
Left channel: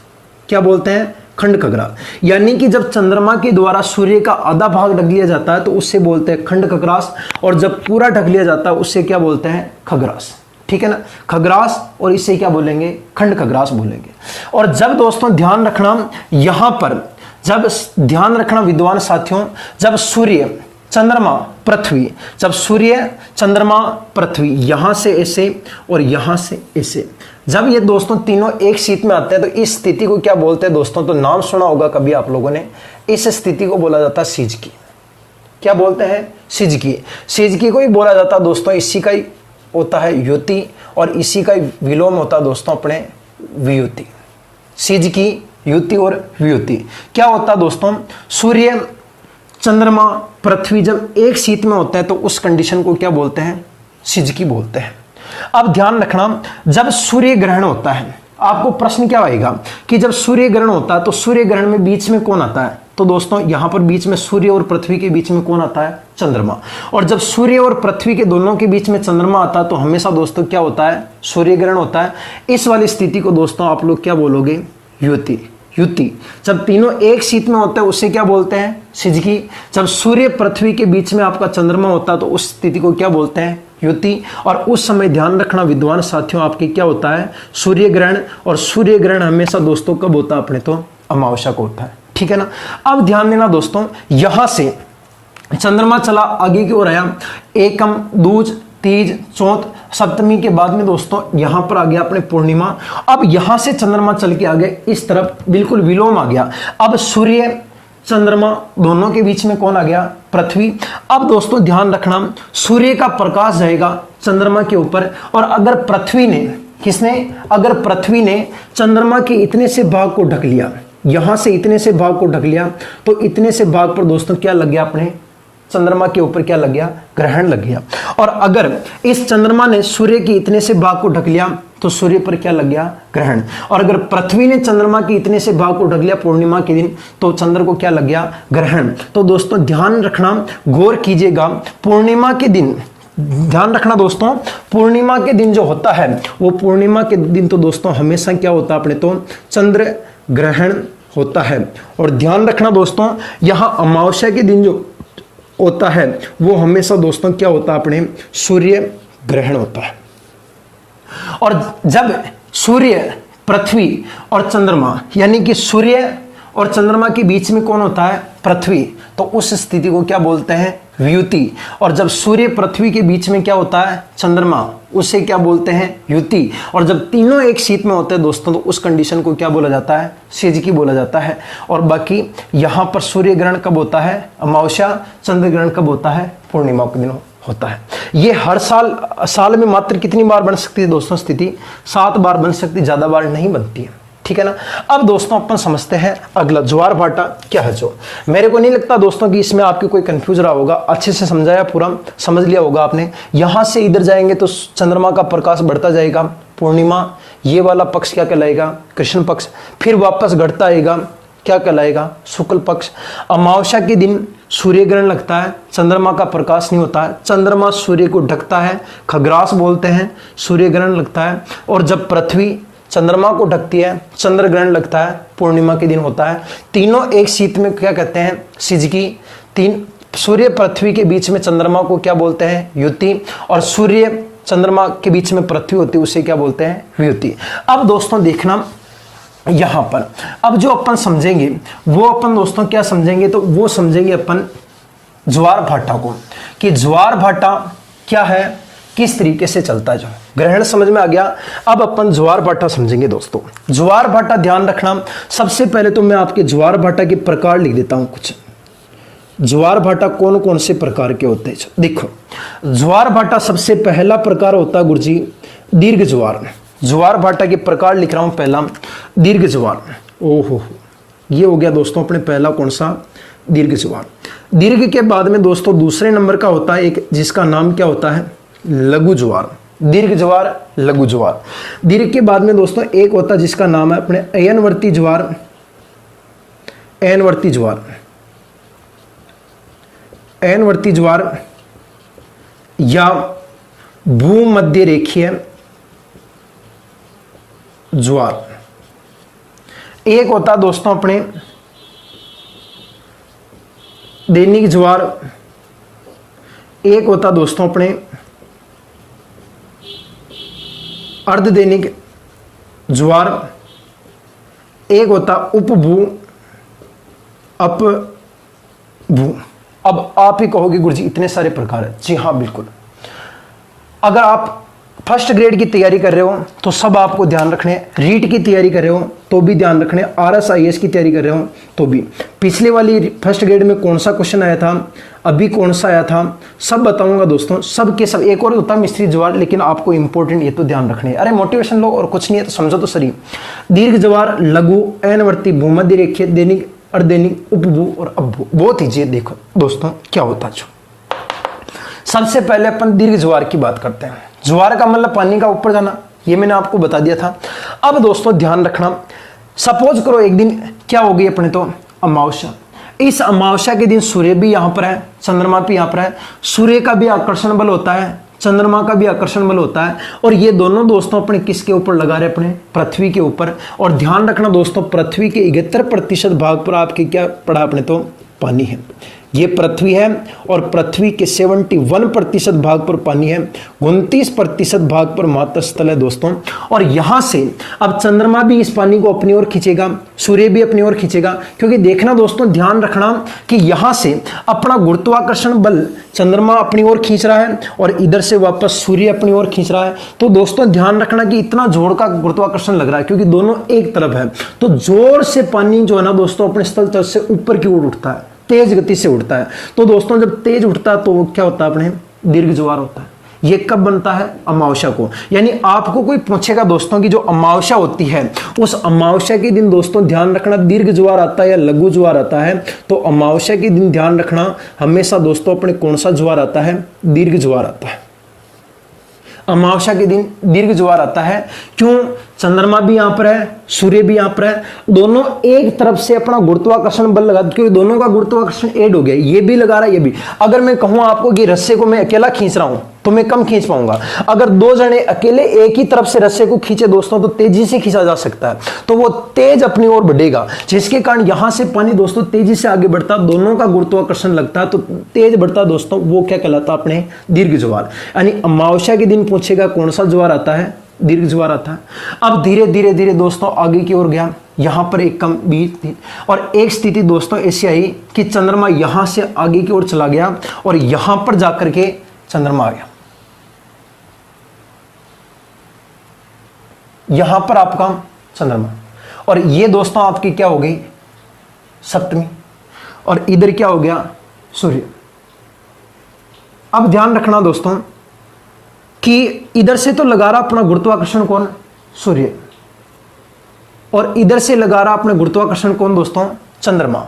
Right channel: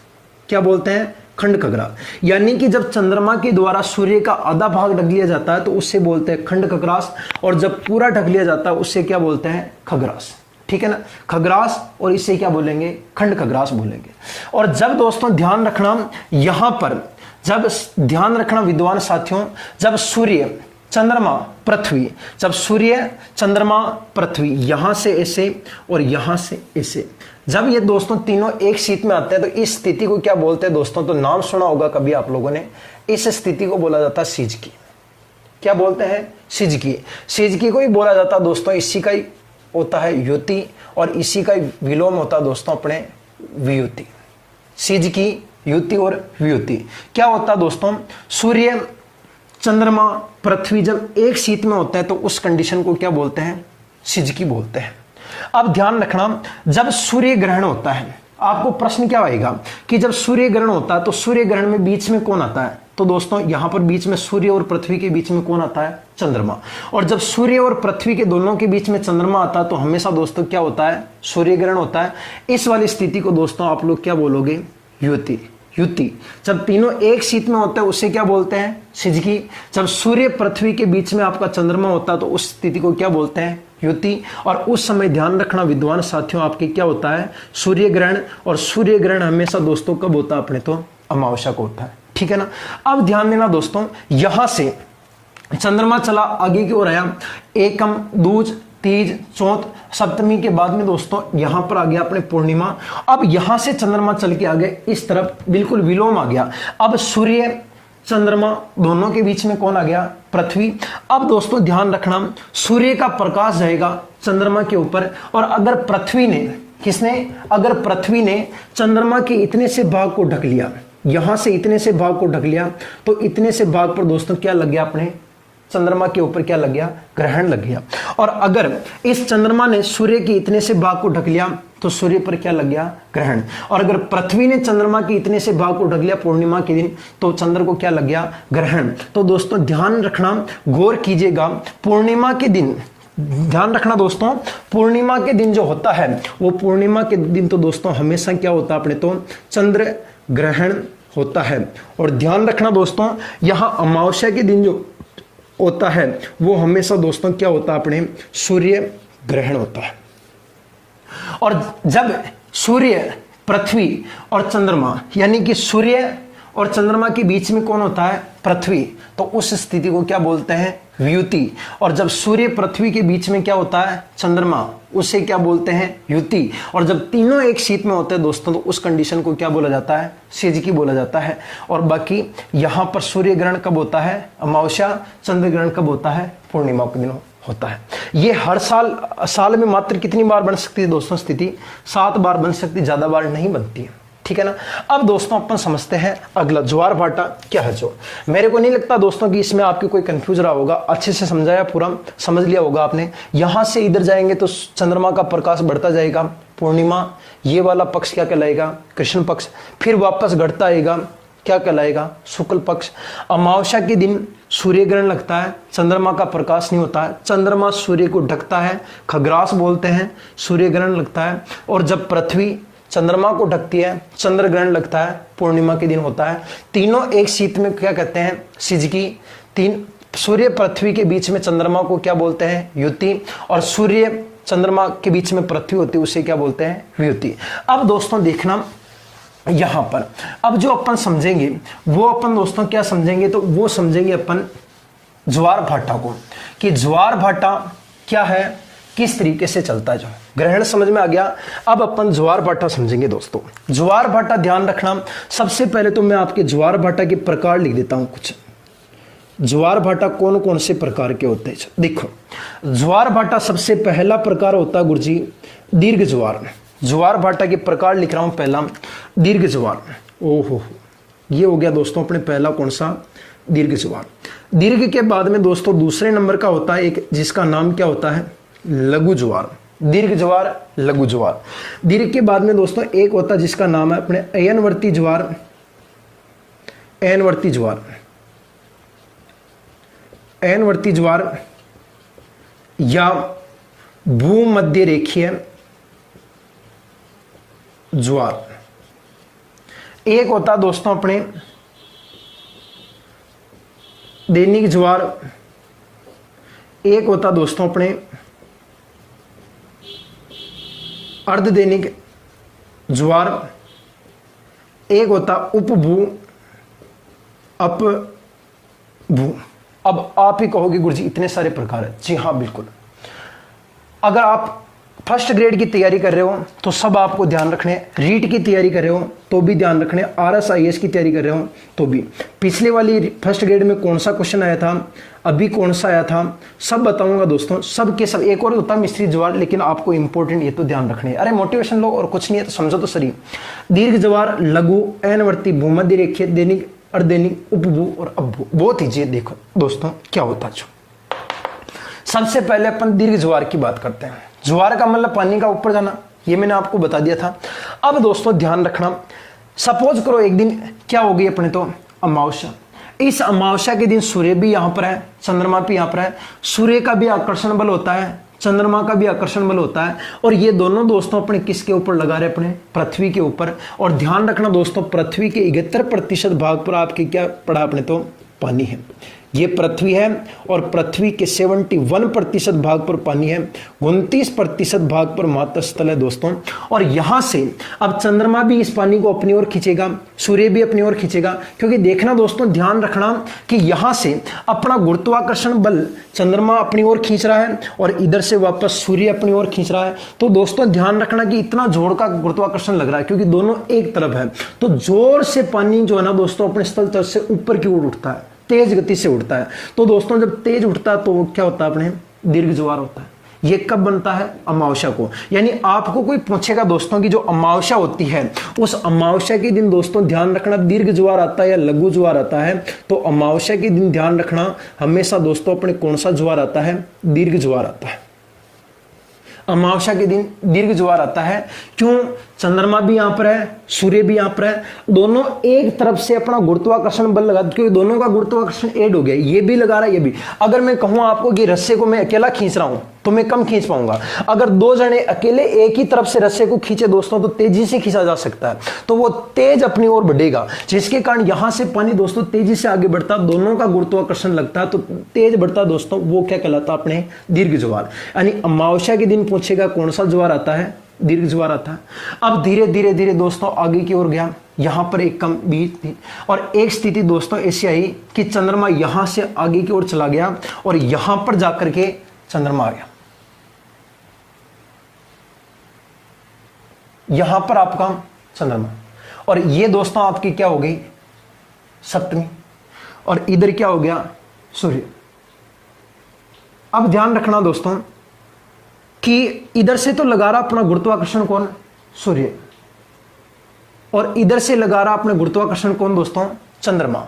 क्या बोलते हैं? खंड खग्रास। यानी कि जब चंद्रमा के द्वारा सूर्य का आधा भाग ढक लिया जाता है तो उससे बोलते हैं खंड खग्रास, और जब पूरा ढक लिया जाता है उससे क्या बोलते हैं? खग्रास। ठीक है ना, खग्रास, और इससे क्या बोलेंगे? खंड खग्रास बोलेंगे। और जब दोस्तों ध्यान रखना यहां पर, जब ध्यान रखना विद्वान साथियों, जब सूर्य चंद्रमा पृथ्वी, जब सूर्य चंद्रमा पृथ्वी यहां से ऐसे और यहां से ऐसे, जब ये दोस्तों तीनों एक शीत में आते हैं तो इस स्थिति को क्या बोलते हैं दोस्तों? तो नाम सुना होगा कभी आप लोगों ने, इस स्थिति को बोला जाता है सिजकी। क्या बोलते हैं? सिजकी। सिजकी को ही बोला जाता है दोस्तों, इसी का ही होता है युति, और इसी का ही विलोम होता है दोस्तों अपने वियुति। सिजकी, युति और वियुति। क्या होता है दोस्तों? सूर्य चंद्रमा पृथ्वी जब एक शीत में होते हैं तो उस कंडीशन को क्या बोलते हैं? सिजकी बोलते हैं। अब ध्यान रखना, जब सूर्य ग्रहण होता है आपको प्रश्न क्या आएगा कि जब सूर्य ग्रहण होता है तो सूर्य ग्रहण में बीच में कौन आता है? तो दोस्तों यहां पर बीच में सूर्य और पृथ्वी के बीच में कौन आता है? चंद्रमा। और जब सूर्य और पृथ्वी के दोनों के बीच में चंद्रमा आता है तो हमेशा दोस्तों क्या होता है? सूर्य ग्रहण होता है। इस वाली स्थिति को दोस्तों आप लोग क्या बोलोगे? युति। युति। जब तीनों एक शीत में होते हैं उसे क्या बोलते हैं? सिजकी। जब सूर्य पृथ्वी के बीच में आपका चंद्रमा होता है तो उस स्थिति को क्या बोलते हैं? युति। और उस समय ध्यान रखना विद्वान साथियों, आपके क्या होता है? सूर्य ग्रहण। और सूर्य ग्रहण हमेशा दोस्तों कब होता है? अपने तो अमावस्या को होता है, ठीक है ना। अब ध्यान देना दोस्तों, यहां से चंद्रमा चला आगे की ओर आया, एकम, दूज, तीज, चौथ, सप्तमी के बाद में दोस्तों यहां पर आ गया अपने पूर्णिमा। अब यहां से चंद्रमा चल के आ गए इस तरफ, बिल्कुल विलोम आ गया। अब सूर्य चंद्रमा दोनों के बीच में कौन आ गया? पृथ्वी। अब दोस्तों ध्यान रखना, सूर्य का प्रकाश जाएगा चंद्रमा के ऊपर, और अगर पृथ्वी ने, किसने? अगर पृथ्वी ने चंद्रमा के इतने से भाग को ढक लिया, यहां से इतने से भाग को ढक लिया, तो इतने से भाग पर दोस्तों क्या लग गया? अपने चंद्रमा के ऊपर क्या लग गया? ग्रहण लग गया। और अगर इस चंद्रमा ने सूर्य के इतने से भाग को ढक लिया तो सूर्य पर क्या लग गया? ग्रहण। और अगर पृथ्वी ने चंद्रमा के इतने से भाग को ढक लिया पूर्णिमा के दिन तो चंद्र को क्या लग गया? ग्रहण। तो दोस्तों ध्यान रखना, गौर कीजिएगा, पूर्णिमा के दिन ध्यान रखना दोस्तों, पूर्णिमा के दिन जो होता है वो पूर्णिमा के दिन तो दोस्तों हमेशा क्या होता है? अपने तो चंद्र ग्रहण होता है। और ध्यान रखना दोस्तों, यहां अमावस्या के दिन जो होता है वो हमेशा दोस्तों क्या होता है? अपने सूर्य ग्रहण होता है। और जब सूर्य, पृथ्वी और चंद्रमा, यानी कि सूर्य और चंद्रमा के बीच में कौन होता है? पृथ्वी, तो उस स्थिति को क्या बोलते हैं? व्युति। और जब सूर्य पृथ्वी के बीच में क्या होता है? चंद्रमा, उसे क्या बोलते हैं? युति। और जब तीनों एक शीत में होते हैं दोस्तों तो उस कंडीशन को क्या बोला जाता है? सिजकी बोला जाता है। और बाकी यहां पर सूर्य ग्रहण कब होता है? अमावस्या। चंद्र ग्रहण कब होता है? पूर्णिमा के दिन होता है। ये हर साल में मात्र कितनी बार बन सकती है दोस्तों स्थिति? 7 बार बन सकती, ज्यादा बार नहीं बनती है, ठीक है ना। अब दोस्तों अपन समझते हैं अगला, ज्वार भाटा क्या है। जो मेरे को नहीं लगता दोस्तों कि इसमें आपकी कोई कंफ्यूज रहा होगा, अच्छे से समझाया, पूरा समझ लिया होगा आपने। यहां से इधर जाएंगे तो चंद्रमा का प्रकाश बढ़ता जाएगा, पूर्णिमा, ये वाला पक्ष क्या कहलाएगा? कृष्ण पक्ष। फिर वापस घटता आएगा, क्या कहलाएगा? शुक्ल पक्ष। अमावस्या के दिन सूर्य ग्रहण लगता है, चंद्रमा का प्रकाश नहीं होता है, चंद्रमा सूर्य को ढकता है, खग्रास बोलते हैं, सूर्य ग्रहण लगता है। और जब पृथ्वी चंद्रमा को ढकती है, चंद्र ग्रहण लगता है, पूर्णिमा के दिन होता है। तीनों एक शीत में क्या कहते हैं? सिजकी। तीन सूर्य पृथ्वी के बीच में चंद्रमा को क्या बोलते हैं? युति। और सूर्य चंद्रमा के बीच में पृथ्वी होती है उसे क्या बोलते हैं? व्युति। अब दोस्तों देखना यहां पर, अब जो अपन समझेंगे वो अपन दोस्तों क्या समझेंगे? तो वो समझेंगे अपन ज्वार भाटा को, कि ज्वार भाटा क्या है, किस तरीके से चलता है। जो ग्रहण समझ में आ गया, अब अपन ज्वार भाटा समझेंगे दोस्तों। ज्वार भाटा ध्यान रखना, सबसे पहले तो मैं आपके ज्वार भाटा के प्रकार लिख देता हूं कुछ। ज्वार भाटा कौन कौन से प्रकार के होते हैं? देखो, ज्वार भाटा सबसे पहला प्रकार होता है गुरुजी दीर्घ ज्वार। ज्वार भाटा के प्रकार लिख रहा हूं, पहला दीर्घ ज्वार। ओहो, ये हो गया दोस्तों अपने पहला कौन सा? दीर्घ ज्वार। दीर्घ के बाद में दोस्तों दूसरे नंबर का होता है एक, जिसका नाम क्या होता है? लघु ज्वार। दीर्घ ज्वार, लघु ज्वार। दीर्घ के बाद में दोस्तों एक होता है जिसका नाम है अपने अयनवर्ती ज्वार। अयनवर्ती ज्वार, अयनवर्ती ज्वार या भूमध्य रेखीय ज्वार। एक होता दोस्तों अपने दैनिक ज्वार, एक होता दोस्तों अपने अर्धदैनिक ज्वार, एक होता उपभू, अपभू। अब आप ही कहोगे गुरुजी इतने सारे प्रकार है। जी हाँ बिल्कुल, अगर आप फर्स्ट ग्रेड की तैयारी कर रहे हो तो सब आपको ध्यान रखने, रीट की तैयारी कर रहे हो तो भी ध्यान रखने, RSIS की तैयारी कर रहे हो तो भी। पिछले वाली फर्स्ट ग्रेड में कौन सा क्वेश्चन आया था, अभी कौन सा आया था, सब बताऊंगा दोस्तों, सब के सब। एक और होता है मिस्त्री ज्वार, लेकिन आपको इंपॉर्टेंट ये तो ध्यान रखने। अरे मोटिवेशन लो और कुछ नहीं है तो समझो तो सही। दीर्घ ज्वार, लघु, अयनवर्ती, भूमध्य रेखीय, दैनिक, अर्धदैनिक, उपभू और अपभू। बहुत ईजी है। देखो दोस्तों क्या होता है। सबसे पहले अपन दीर्घ ज्वार की बात करते हैं। ज्वार का मतलब पानी का ऊपर जाना, ये मैंने आपको बता दिया था। अब दोस्तों ध्यान रखना, सपोज करो एक दिन क्या होगी अपने तो अमावस्या। इस अमावस्या के दिन सूर्य भी यहां पर है, चंद्रमा भी यहां पर है। सूर्य का भी आकर्षण बल होता है, चंद्रमा का भी आकर्षण बल होता है, और ये दोनों दोस्तों अपने किसके ऊपर लगा रहे, अपने पृथ्वी के ऊपर। और ध्यान रखना दोस्तों, पृथ्वी के 71% भाग पर आपके क्या पड़ा, अपने तो पानी है। ये पृथ्वी है और पृथ्वी के 71% भाग पर पानी है, 29% भाग पर मातृस्थल है दोस्तों। और यहां से अब चंद्रमा भी इस पानी को अपनी ओर खींचेगा, सूर्य भी अपनी ओर खींचेगा, क्योंकि देखना दोस्तों, ध्यान रखना कि यहां से अपना गुरुत्वाकर्षण बल चंद्रमा अपनी ओर खींच रहा है और इधर से वापस सूर्य अपनी ओर खींच रहा है। तो दोस्तों ध्यान रखना कि इतना जोर का गुरुत्वाकर्षण लग रहा है, क्योंकि दोनों एक तरफ है। तो जोर से पानी जो है ना दोस्तों, अपने स्थल तल से ऊपर की ओर उठता है, तेज गति से उठता है। तो दोस्तों जब तेज उठता है तो वो क्या होता है, अपने दीर्घ ज्वार होता है। ये कब बनता है, अमावस्या को। यानी आपको कोई पूछेगा दोस्तों कि जो अमावस्या होती है, उस अमावस्या के दिन दोस्तों ध्यान रखना दीर्घ ज्वार आता है या लघु ज्वार आता है। तो अमावस्या के दिन ध्यान रखना हमेशा दोस्तों अपने कौन सा ज्वार आता है, दीर्घ ज्वार आता है। अमावस्या के दिन दीर्घ ज्वार आता है। क्यों, चंद्रमा भी यहां पर है, सूर्य भी यहां पर है, दोनों एक तरफ से अपना गुरुत्वाकर्षण बल लगा, क्योंकि दोनों का गुरुत्वाकर्षण ऐड हो गया, ये भी लगा रहा है ये भी। अगर मैं कहूं आपको कि रस्से को मैं अकेला खींच रहा हूं तो मैं कम खींच पाऊंगा। अगर दो जने अकेले एक ही तरफ से रस्से को खींचे दोस्तों तो तेजी से खींचा जा सकता है, तो वो तेज अपनी ओर बढ़ेगा, जिसके कारण यहां से पानी दोस्तों तेजी से आगे बढ़ता, दोनों का गुरुत्वाकर्षण लगता है तो तेज बढ़ता दोस्तों, वो क्या कहलाता है, अपने दीर्घ ज्वार। यानी अमावस्या के दिन पूछेगा कौन सा ज्वार आता है, दीर्घ ज्वार आता है। अब धीरे धीरे धीरे दोस्तों आगे की ओर गया, यहां पर एक कम बीच थी, और एक स्थिति दोस्तों ऐसी आई कि चंद्रमा यहां से आगे की ओर चला गया और यहां पर जाकर के चंद्रमा आ गया। यहां पर आपका चंद्रमा, और ये दोस्तों आपकी क्या हो गई, सप्तमी, और इधर क्या हो गया, सूर्य। अब ध्यान रखना दोस्तों कि इधर से तो लगा रहा अपना गुरुत्वाकर्षण कौन, सूर्य, और इधर से लगा रहा अपना गुरुत्वाकर्षण कौन दोस्तों, चंद्रमा।